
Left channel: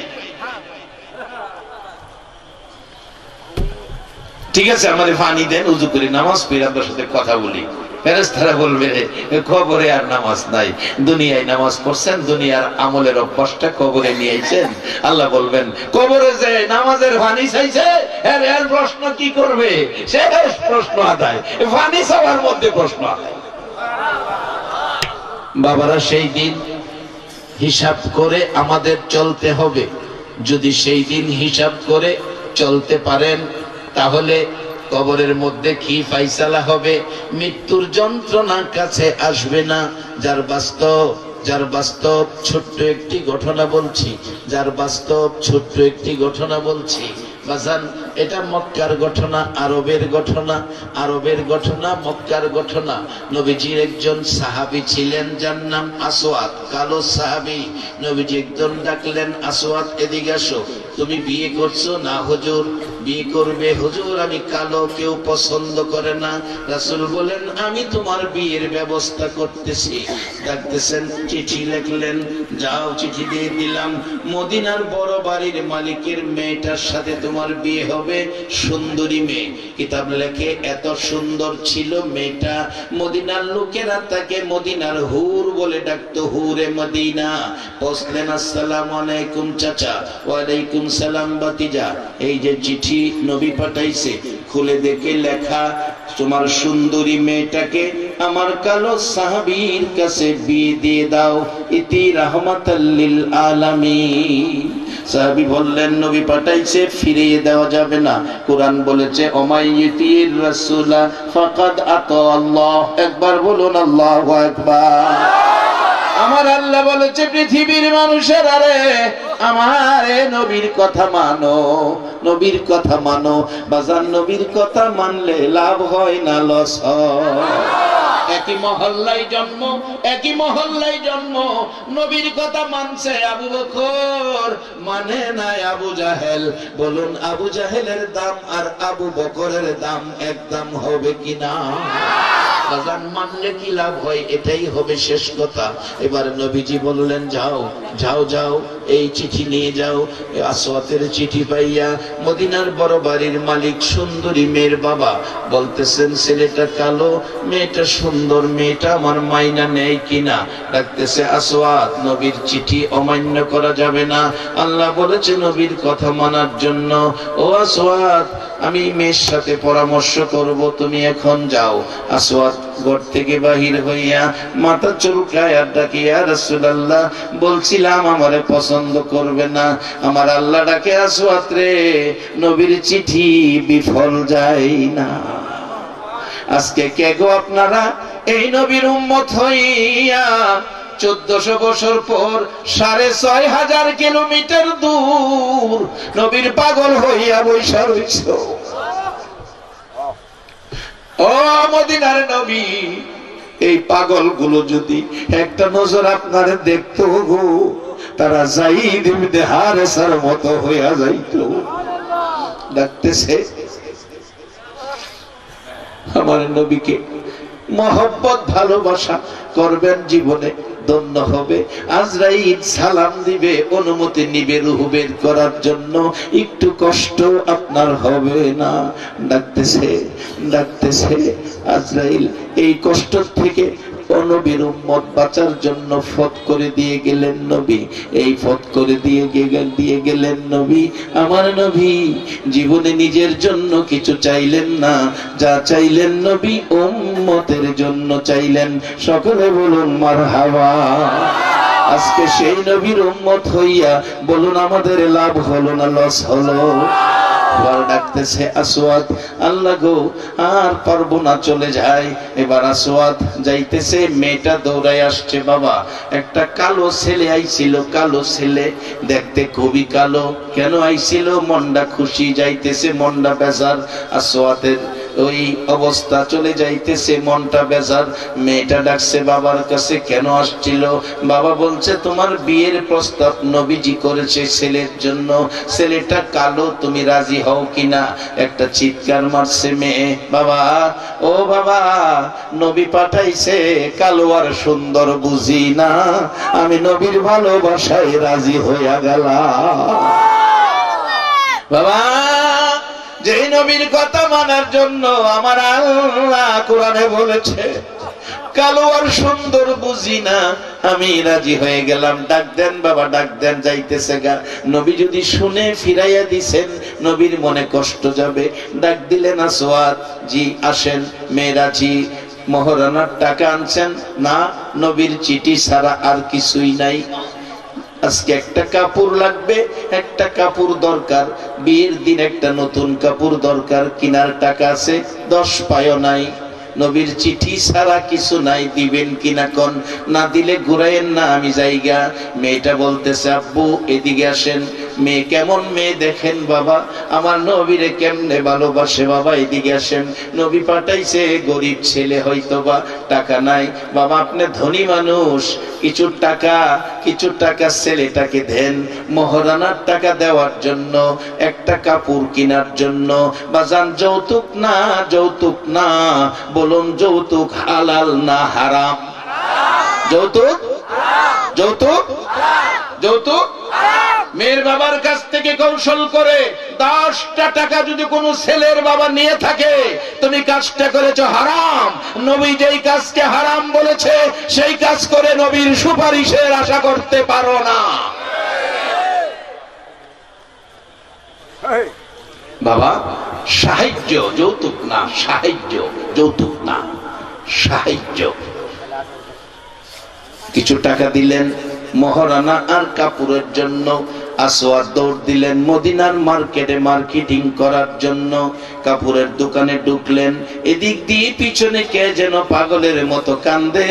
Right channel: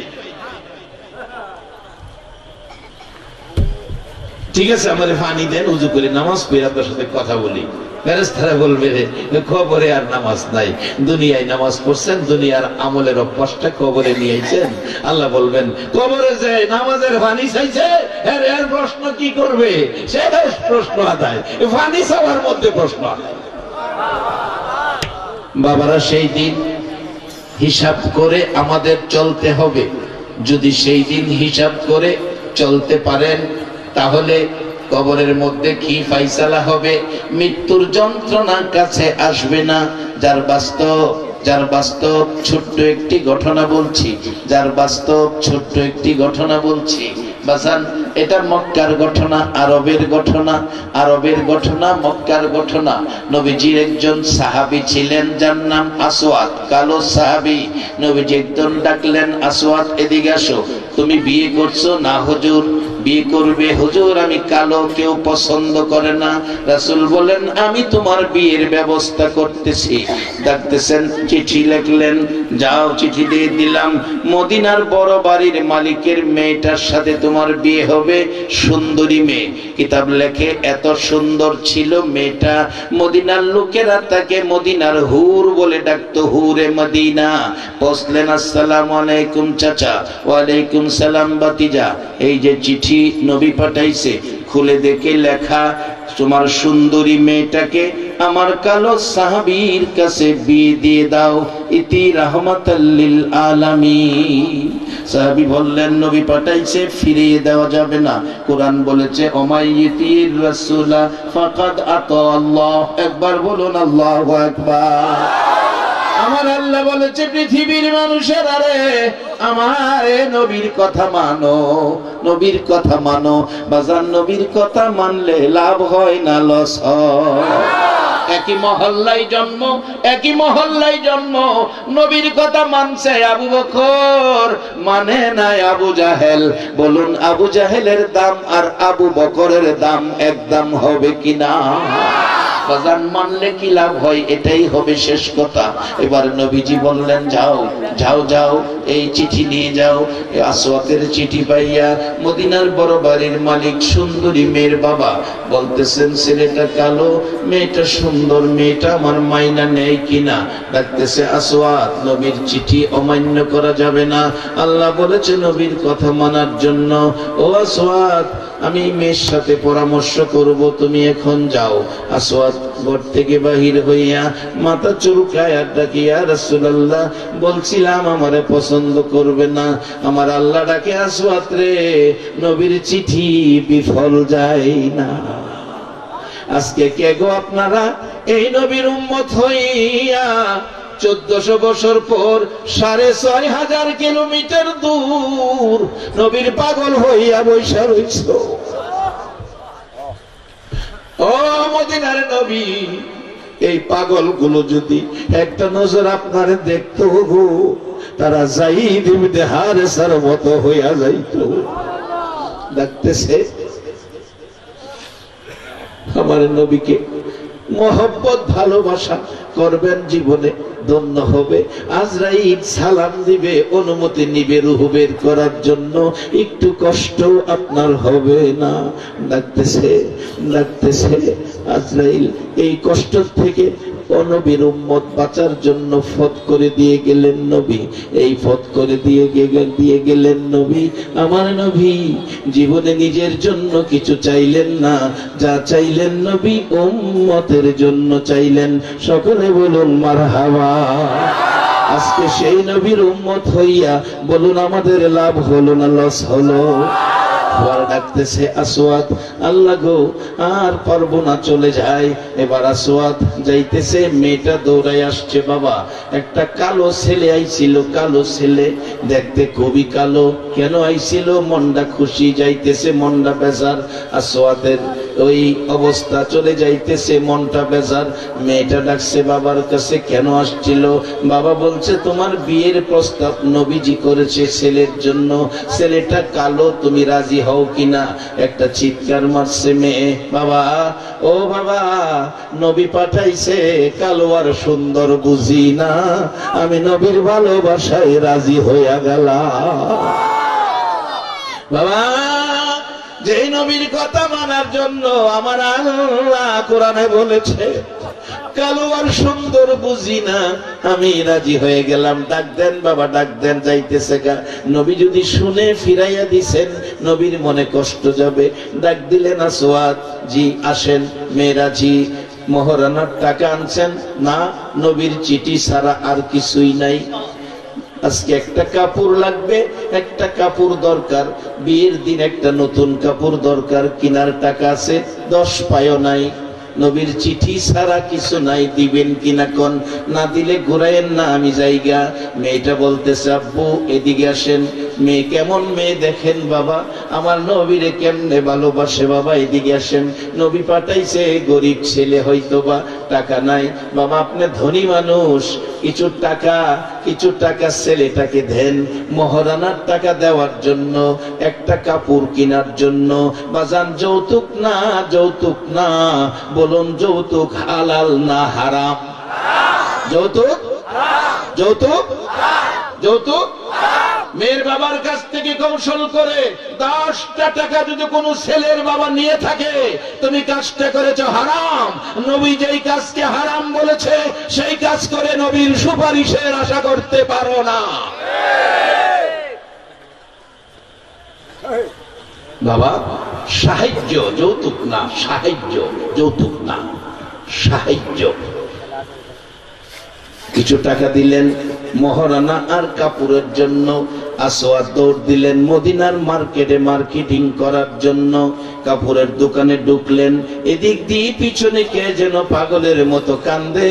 ঠিক আছে, আমারে পানি দেন, উযু করে নামাজ পড়ে আপনার সাথে কথা বলি। ফেরেশতারা বলবে, কবরে আর নামাজ নাই, দুনিয়ায় নামাজ পড়ছেন, দুনিয়ার আমলের অভ্যাসটা কবরে নিয়ে আইছেন। আল্লাহ বলবেন, কবরে যে নামাজের পানি চাইছে এর প্রশ্ন কি করবে? শেষ প্রশ্ন আদায়, পানি চাওয়ার মধ্যে প্রশ্ন আদায়। বাবারা, সেই দিন হিসাব করে আমাদের চলতে হবে। যদি সেই দিন হিসাব করে চলতে পারেন, তাহলে কবরের মধ্যে কি ফাইসালা হবে? মৃত্যুর যন্ত্রণা কাছে আসবে না। যার বাস্তব ছোট্ট একটি ঘটনা বলছি, বাজান, এটা মক্কার ঘটনা, আরবের ঘটনা, মক্কার ঘটনা। নবীজির একজন সাহাবী ছিলেন, যার নাম আসওয়াদ, কালো সাহাবী। নবীজি একজন ডাকলেন, আসওয়াদ এদিকে আসো। তুমি বিয়ে করছো? না হুজুর। বিয়ে করবে? হুজুর আমি কালো, কেউ পছন্দ করে না। রাসূল বলেন, আমি তোমার বিয়ের ব্যবস্থা করতেছি। ডাকতেছেন, চিঠি লিখলেন, যাও চিঠি দিয়ে দিলাম, মদিনার বড় বাড়ির মালিকের মেয়েটার সাথে তোমার বিয়ে হবে, সুন্দরী মেয়ে। কিতাব লেখে, এত সুন্দর ছিল মেয়েটা, মদিনার লোকেরা তাকে মদিনার হুর বলে ডাকতো, হুরে মদিনা। বসলেন, আসসালামু আলাইকুম চাচা। ওয়ালাইকুম সালাম ভাতিজা। এই যে চিঠি নবী পাঠাইছে, খুলে দেখে লেখা, তোমার সুন্দরী মেয়েটাকে আমার কালো সাহাবীর কাছে বিয়ে দিয়ে দাও, ইতি রাহমাতাল লিল আলামিন। সাহাবী বললেন, নবী পাঠাইছে, ফিরিয়ে দেওয়া যাবে না। কোরআন বলেছে, ওমাইয়িতির রাসূলা ফাকাদ আতা আল্লাহ। একবার বলুন আল্লাহু আকবার। আমার আল্লাহ বলেছে, পৃথিবীর মানুষের, আরে আমার নবীর কথা মানো, নবীর কথা মানো। বাজার, নবীর কথা মানলে লাভ হয় না লস হয়। একই মহল্লায় জন্ম, নবীর কথা মানছে আবু বকর, মানে নাই আবু জাহেল। বলুন, আবু জাহেলের দাম আর আবু বকরের দাম এক দাম হবে কিনা? বাজান, মানলে কি লাভ হয়, এটাই হবে শেষ কথা। এবার নবীজি বললেন, যাও, এই চিঠি নিয়ে যাও। আসওয়াতের চিঠি পাইয়া মদিনার বড় বাড়ির মালিক, সুন্দরী মেয়ের বাবা বলতেছেন, ছেলেটা কালো, মেয়েটা সুন্দর, মেয়েটা আমার মাইনা নেই কিনা। ডাকতেছে, আসওয়াত, নবীর চিঠি অমান্য করা যাবে না। আল্লাহ বলেছে নবীর কথা মানার জন্য। ও আসওয়াত, আমি মেয়ের সাথে পরামর্শ করব, তুমি এখন যাও। আসওয়াদ ঘর থেকে বাহির হইয়া মাথা চুলকায় আর ডাকে, ইয়া রাসূলুল্লাহ, বলছিলাম আমারে পছন্দ করবে না। আমার আল্লাহ ডাকে, আসওয়াদ রে, নবীর চিঠি বিফল যায় না। আজকে কে গো আপনারা এই নবীর উম্মত হইয়া 1400 বছর পর 6500 কিলোমিটার দূর নবীর পাগল হইয়া বৈশা রইছ। ও মদিনার নবী, এই পাগল গুলো যদি একটা নজর আপনারা দেখতো গো, তারা যায়েদ ইবনে হারেসার মতো হইয়া যাইত। ডাকতেছে, আমার নবীকে মহব্বত ভালোবাসা করবেন, জীবনে ধন্য হবে। আজরাইল সালাম দিবে, অনুমতি নিবে রূহ বের করার জন্য, একটু কষ্ট আপনার হবে না। ডাকতেছে আজরাইল এই কষ্ট থেকে নবীর উম্মত বাঁচার জন্য ফত করে দিয়ে গেলেন নবী। এই ফত করে দিয়ে গেলেন নবী। আমার নবী জীবনে নিজের জন্য কিছু চাইলেন না, যা চাইলেন নবী উম্মতের জন্য চাইলেন। সকলে বলুন মারহাবা। আজকে সেই নবীর উম্মত হইয়া বলুন, আমাদের লাভ হলো না লস হলো? এবার ডাকতেছে আসওয়াদ, আল্লাহ গো আর পারবো না, চলে যায়। এবার আসওয়াদ যাইতেছে, মেয়েটা দৌড়ায় আসছে। বাবা, একটা কালো ছেলে আইছিল, কালো ছেলে, দেখতে খুবই কালো। কেন আইছিল? মনটা খুশি, যাইতেছে মনটা বেজার। আসওয়াদের ওই অবস্থা, চলে যাইতেছে মনটা বেজার। মেয়েটা ডাকছে বাবার কাছে, কেন আসছিল? বাবা বলছে তোমার বিয়ের প্রস্তাব নবীজি করেছে ছেলের জন্য, ছেলেটা কালো, তুমি রাজি হও কিনা? একটা চিৎকার মারছে মেয়ে, বাবা ও বাবা, নবী পাঠাইছে, কালো আর সুন্দর বুঝি না, আমি নবীর ভালোবাসায় রাজি হইয়া গেলাম। বাবা, যে নবীর কথা মানার জন্য আমার আল্লাহ কোরআনে বলেছে কালো আর সুন্দর বুঝি না, আমি রাজি হয়ে গেলাম। ডাক দেন বাবা, ডাক দেন। যাইতেছে গা, নবী যদি শুনে ফিরাইয়া দিছেন, নবীর মনে কষ্ট যাবে। ডাক দিলেন, আসওয়াদ জি আসেন। মেয়েরা জি, মহারানার টাকা আনছেন? না, নবীর চিঠি ছাড়া আর কিছুই নাই। আজকে একটা কাপড় লাগবে, একটা কাপড় দরকার, বিয়ের দিন একটা নতুন কাপড় দরকার, কিনার টাকা আছে 10 পায়ও নাই। নবীর চিঠি ছাড়া কিছু নাই, দিবেন কিনা কোন? না দিলে ঘুরাইয়েন না, আমি যাইগা। মেয়েটা বলতেছে আব্বু এদিকে আসেন। মেয়ে কেমন মেয়ে দেখেন বাবা, আমার নবীরে কেমনে ভালোবাসে বাবা, এদিকে আসেন। নবী পাঠাইছে, গরিব ছেলে হয়তো বা টাকা নাই। বাবা আপনি ধনী মানুষ, কিছু টাকা ছেলেটাকে দেন, মহারানার টাকা দেওয়ার জন্য, একটা কাপড় কেনার জন্য। বাজান যৌতুক না, যৌতুক না, বলুন যৌতুক হালাল না হারাম? যৌতুক, যৌতুক, যৌতুক। মেয়ের বাবার কাছ থেকে কৌশল করে 10টা টাকা যদি কোনো ছেলের বাবা নিয়ে থাকে, তুমি কাজটা করেছো হারাম। নবী যেই কাজকে হারাম বলেছে, সেই কাজ করে নবীর সুপারিশের আশা করতে পারো না। বাবা, সাহায্য, যৌতুক না, সাহায্য, যৌতুক না, সাহায্য। কিছু টাকা দিলেন মহারানা আর কাপড়ের জন্য। আসওয়াদ দৌড় দিলেন মদিনার মার্কেটে মার্কেটিং করার জন্য। কাপড়ের দোকানে ঢুকলেন, এদিক দিয়ে পিছনে কে যেন পাগলের মতো কান্দে,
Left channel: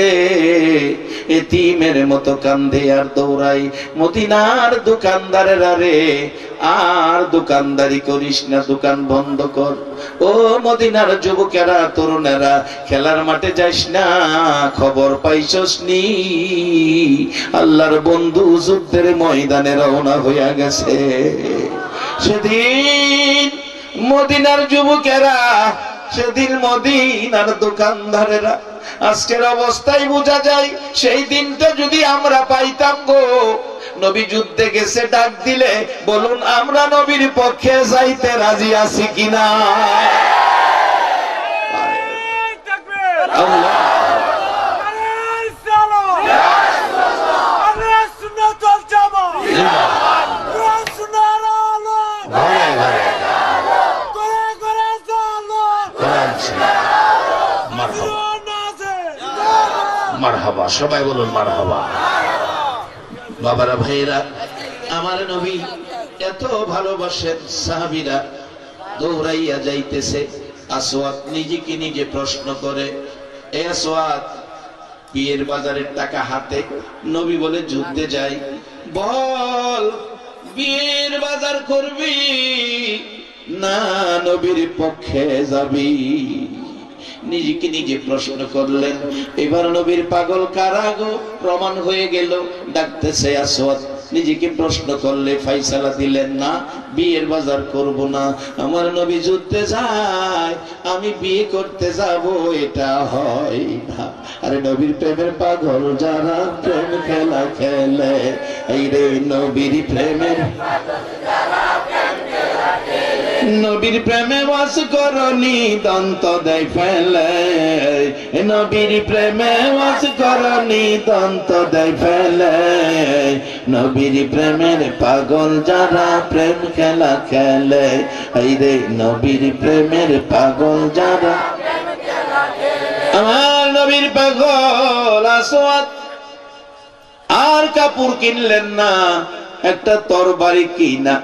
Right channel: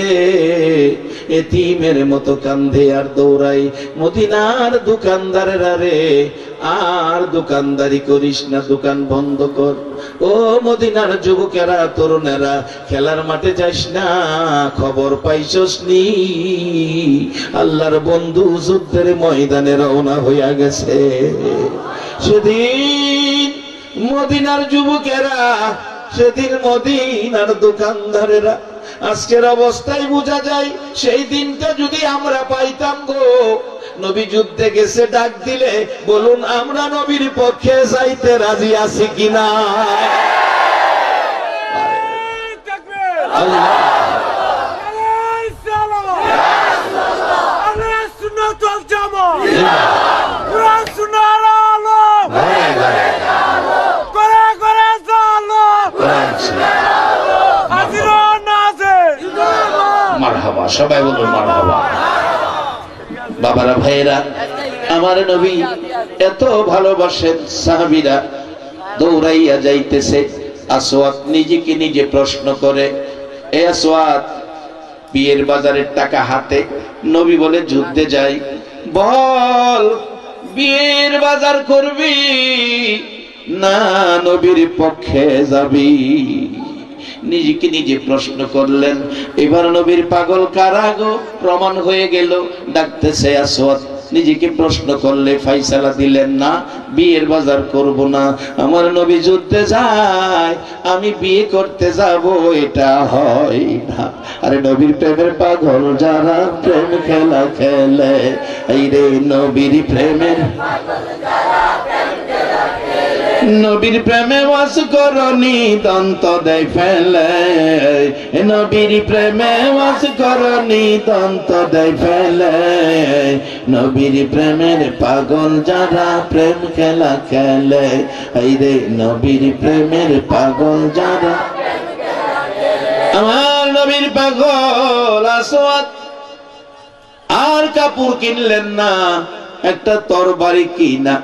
এতিমের মতো কান্দে আর দৌড়াই। মদিনার দোকানদারেরা রে, আর দোকানদারি করিস না, দোকান বন্ধ কর। ও মদিনার যুবকেরা, তরুণেরা, খেলার মাঠে যাইস না, খবর পাইছস নি? আল্লাহর বন্ধু যুদ্ধের ময়দানে রওনা হইয়া গেছে। সেদিন মদিনার যুবকেরা, সেদিন মদিনার দোকানদারেরা, আজকের অবস্থায় বোঝা যায় সেই দিনটা যদি আমরা পাইতাম গো। নবী যুদ্ধে গেছে, ডাক দিলে বলুন আমরা নবীর পক্ষে যাইতে রাজি আছি কিনা? মারহাবা, সবাই বলুন মারহাবা। বাবারা, ভাইয়েরা, আমার নবী এত ভালোবাসেন। সাহাবীরা দৌড়াইয়া যাইতেছে। আসওয়াদ নিজেকে নিজে প্রশ্ন করে, এ আসওয়াদ, বিয়ের বাজারের টাকা হাতে, নবী বলে যুদ্ধে যাই, বল বিয়ের বাজার করবি না নবীর পক্ষে যাবি? নিজেকে নিজে প্রশ্ন করলেন। এবার নবীর পাগল কারা গো প্রমাণ হয়ে গেল। ডাকতেছে আসওয়াদ, নিজেকে প্রশ্ন করলে ফাইসালা দিলেন না, বিয়ের বাজার করব না। আমার নবী যুদ্ধে যায়, আমি বিয়ে করতে যাব, এটা হয় না। আরে নবীর প্রেমের পাগল যারা, প্রেম খেলা খেলে, এই রে নবীর প্রেমের নবীর প্রেমে বাস করনি দন্ত দেয় ফেলে, নবীর প্রেমে বাস করনি দন্ত দেয় ফেলে। নবীর প্রেমের পাগল যারা, প্রেম খেলা খেলে, এই রে নবীর প্রেমের পাগল যারা। আমার নবীর পাগল আসওয়াদ আর কাপড় কিনলেন না, একটা তরবারি কিনা,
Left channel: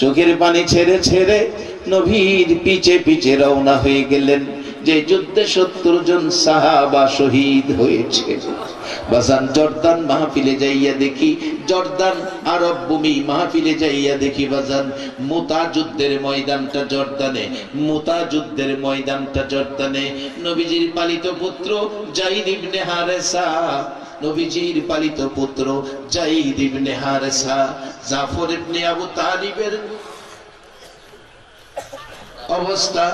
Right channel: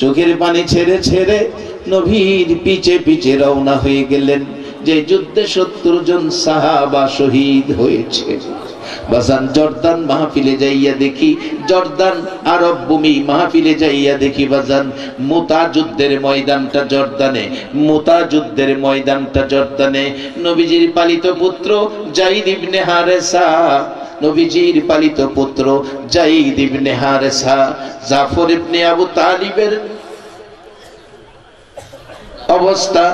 চোখের পানি ছেড়ে ছেড়ে নবীর পিছে পিছে রওনা হয়ে গেলেন। যে যুদ্ধে 70 জন সাহাবা শহীদ হয়েছে। বাজান জর্দান মাহফিলে যাইয়া দেখি, জর্দান আরব ভূমি মাহফিলে যাইয়া দেখি বাজান মুতা যুদ্ধের ময়দানটা জর্দানে, মুতা যুদ্ধের ময়দানটা জর্দানে। নবীজির পালিত পুত্র যায়েদ ইবনে হারেসা, নবীজির পালিত পুত্র যায়েদ ইবনে হারেসা, জাফর ইবনে আবু তালিবের অবস্থা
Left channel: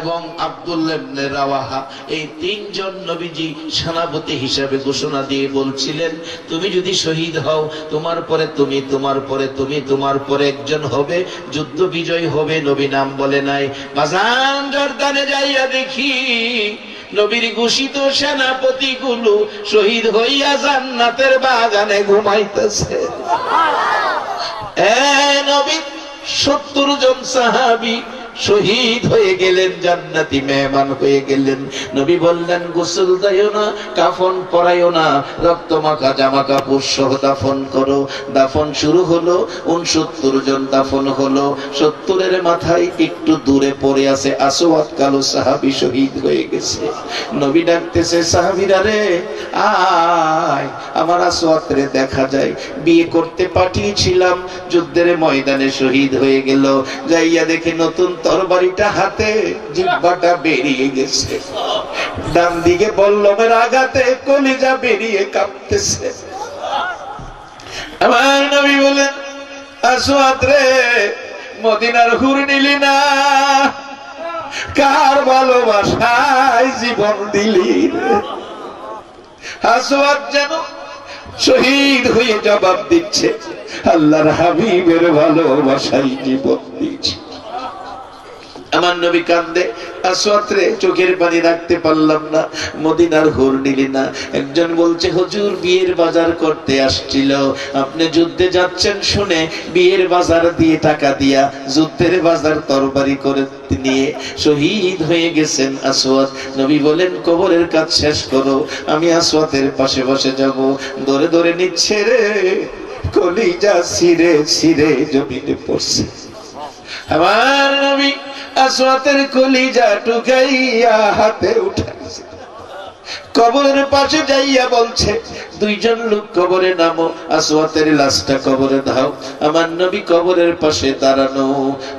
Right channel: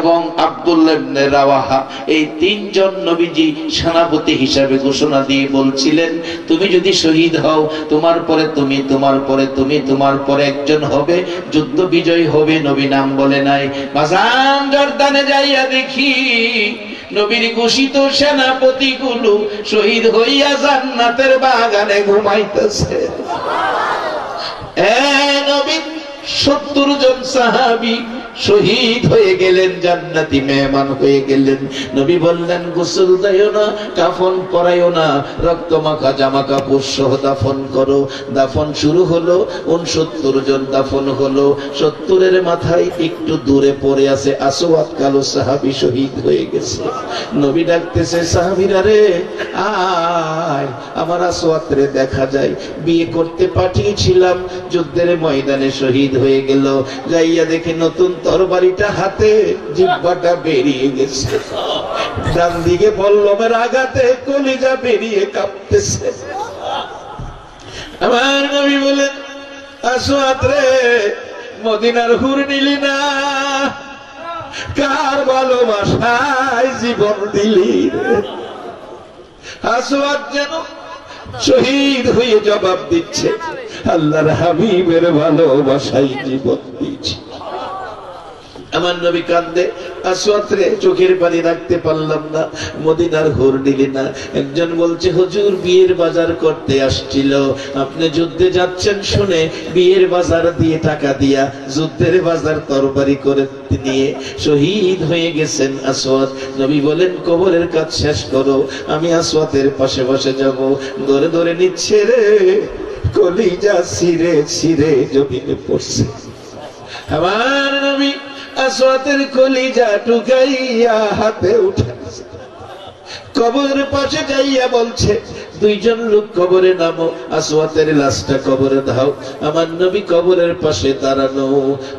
এবং আব্দুল্লাহ ইবনে রাওয়াহা, এই তিনজন নবীজি সেনাপতি হিসাবে ঘোষণা দিয়ে বলছিলেন, তুমি যদি শহীদ হও তোমার পরে তুমি, তোমার পরে তুমি, তোমার পরে একজন হবে, যুদ্ধ বিজয় হবে। নবী নাম বলে নাই। বাজান জর্দানে যাইয়া দেখি নবীর ঘোষিত সেনাপতি গুলো শহীদ হইয়া জান্নাতের বাগানে ঘুমাইতেছে। নবী 70 জন সাহাবী শহীদ হয়ে গেলেন, জান্নাতি মেহমান হয়ে গেলেন। নবী বললেন, গোসল দাও না, কাফন পরাইও না, রক্ত মাখা জামা কাপড় সহ দাফন করো। দাফন শুরু হলো, 69 জন দাফন হলো। 70-এর মাথায় একটু দূরে পড়ে আছে আসওয়াদ, কালো সাহাবী শহীদ হয়ে গেছে। নবী ডাকতেছে, সাহাবীরা রে আয়, আমার আসওয়াদ রে দেখা যায়, বিয়ে করতে পাঠিয়েছিলাম, যুদ্ধের ময়দানে শহীদ হয়ে গেল। যাইয়া দেখি নতুন তরবারিটা হাতে, জিহ্বাটা বেরিয়ে গেছে, ডান দিকে বল্লমের আঘাতে কলিজা বেরিয়ে কাঁপতেছে। আমার নবী বলেন, আসওয়াদ রে মদিনার হুর নিলি না, কার ভালোবাসায় জীবন দিলি রে? আসওয়াদ যেন শহীদ হয়ে জবাব দিচ্ছে, আল্লাহর হাবিবের ভালোবাসায় জীবন দিচ্ছে। আমার নবী কান্দে, আসওয়াদ রে চোখের পানি রাখতে পারলাম না, মদিনার হুর নিলি না। একজন বলছে, হুজুর বিয়ের বাজার করতে আসছিল, আপনি যুদ্ধে যাচ্ছেন শুনে বিয়ের বাজার দিয়ে টাকা দিয়া যুদ্ধের বাজার তরবারি করে নিয়ে শহীদ হয়ে গেছেন আসওয়াদ। নবী বলেন, কবরের কাজ শেষ করো, আমি আসওয়াদের পাশে বসে যাব। ধরে ধরে নিচ্ছে রে, কলিজা ছিঁড়ে ছিঁড়ে জমিনে পড়ছে। আমার নবী আসওয়াদের কলিজা টুকাইয়া হাতে উঠাইছে, কবরের পাশে যাইয়া বলছে, 2 জন লোক কবরে নামো, আসওয়াদের লাশটা কবরে দাও। আমার নবী কবরের পাশে দাঁড়ানো,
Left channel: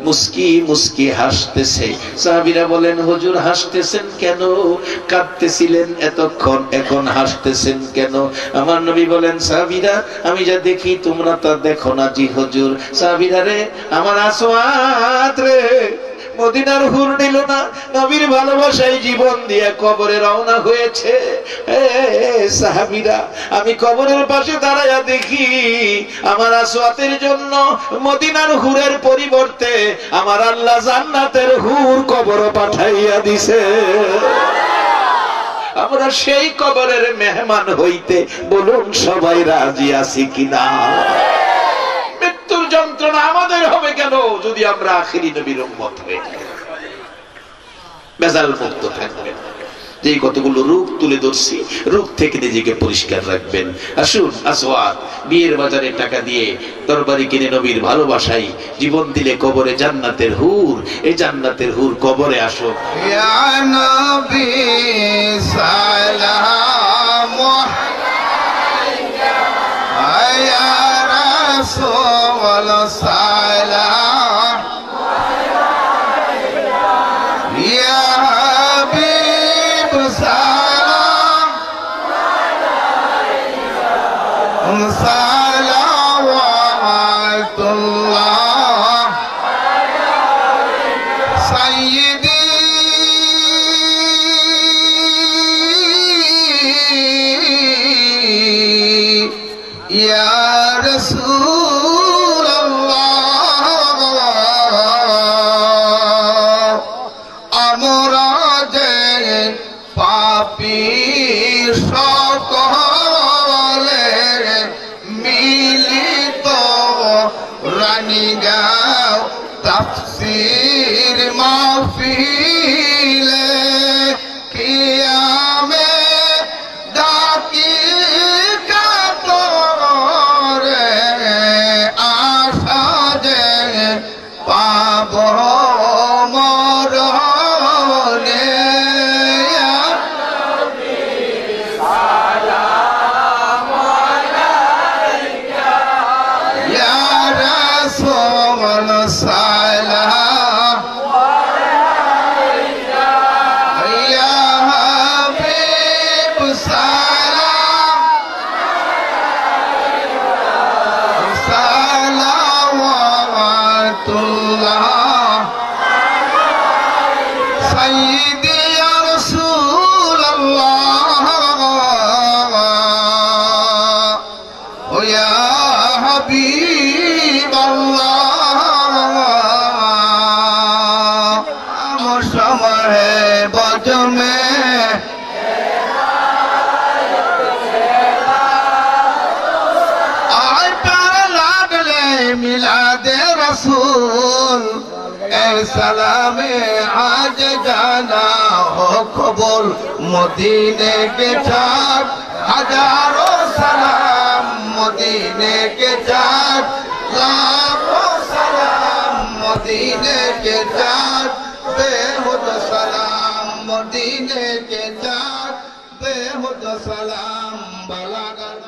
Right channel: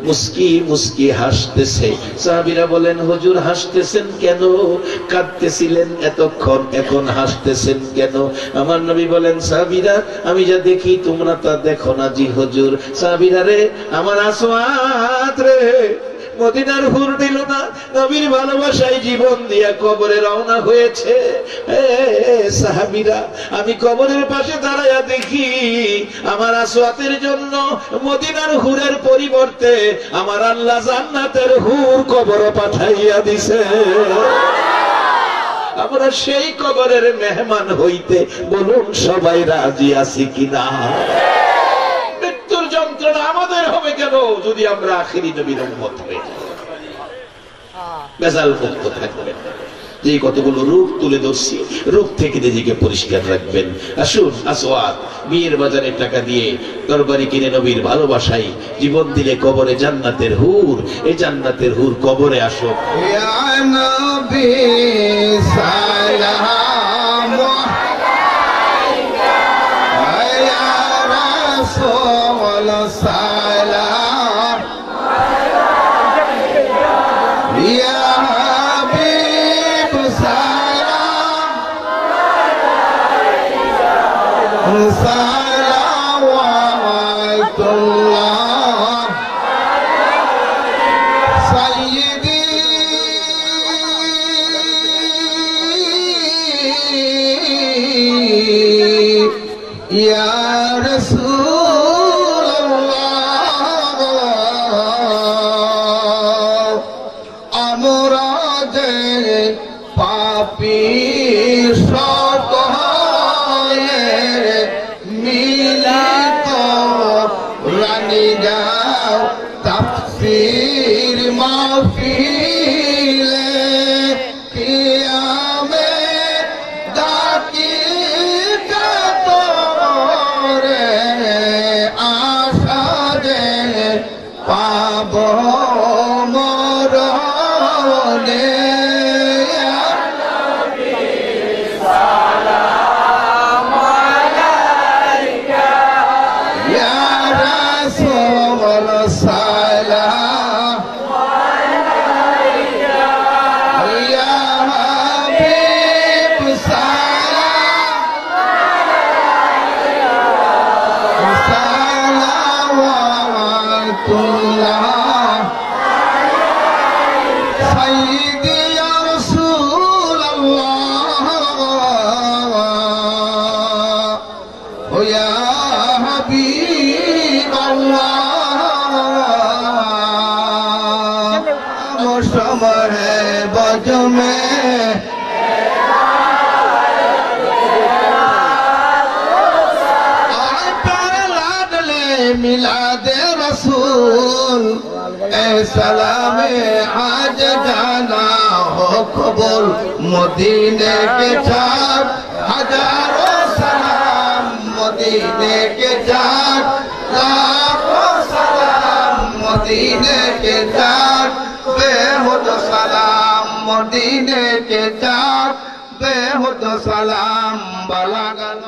মুস্কি মুস্কি হাসতেছে। সাহাবীরা বলেন, হুজুর হাসতেছেন কেন? কাঁদতেছিলেন এতক্ষণ, এখন হাসতেছেন কেন? আমার নবী বলেন, সাহাবীরা আমি যা দেখি তোমরা তা দেখো না। জি হুজুর। সাহাবীরা রে, আমার আসওয়াদ রে মদিনার হুর নিল না, নবীর ভালোবাসায় জীবন দিয়ে কবরে রওনা হয়েছে। সাহাবীরা, আমি কবরের পাশে দাঁড়ায়া দেখি আমার আসওয়াদের জন্য মদিনার হুরের পরিবর্তে আমার আল্লাহ জান্নাতের হুর কবর পাঠাইয়া দিছে। আমরা সেই কবরের মেহমান হইতে বলুন সবাই রাজি আছি কিনা? মৃত্যুর যন্ত্রণা আমাদের হবে কেন যদি আমরা আখিরি নবীর উম্মত হই? বেজাল মুক্ত থাকবেন। যে কতগুলো রূপ তুলে ধরছি, রূপ থেকে নিজেকে পরিষ্কার রাখবেন। আসুন, আসওয়াদ বিয়ের বাজারে টাকা দিয়ে তরবারি কিনে নবীর ভালোবাসায় জীবন দিলে কবরে জান্নাতের হুর, এই জান্নাতের হুর কবরে আসো। ইয়া নবী সালাম আলাইকা, ইয়া রাসূল সালাম আলাইকা, ইয়া बोले या रसूल सलाम या हबीब सलाम सलावतुल्लाह सय्यदी या रसूल अल्लाह या हबीब अल्लाह मौसम है बज में आय पर लागले मिलादे रसूल ए सलामे आज जाना हो कबूल मदीने के चार हजारों सलाम मदीने के चार लाखों सलाम मदीने के चार बेहुद सलाम मदीने के चार बेहुद सलाम बलागल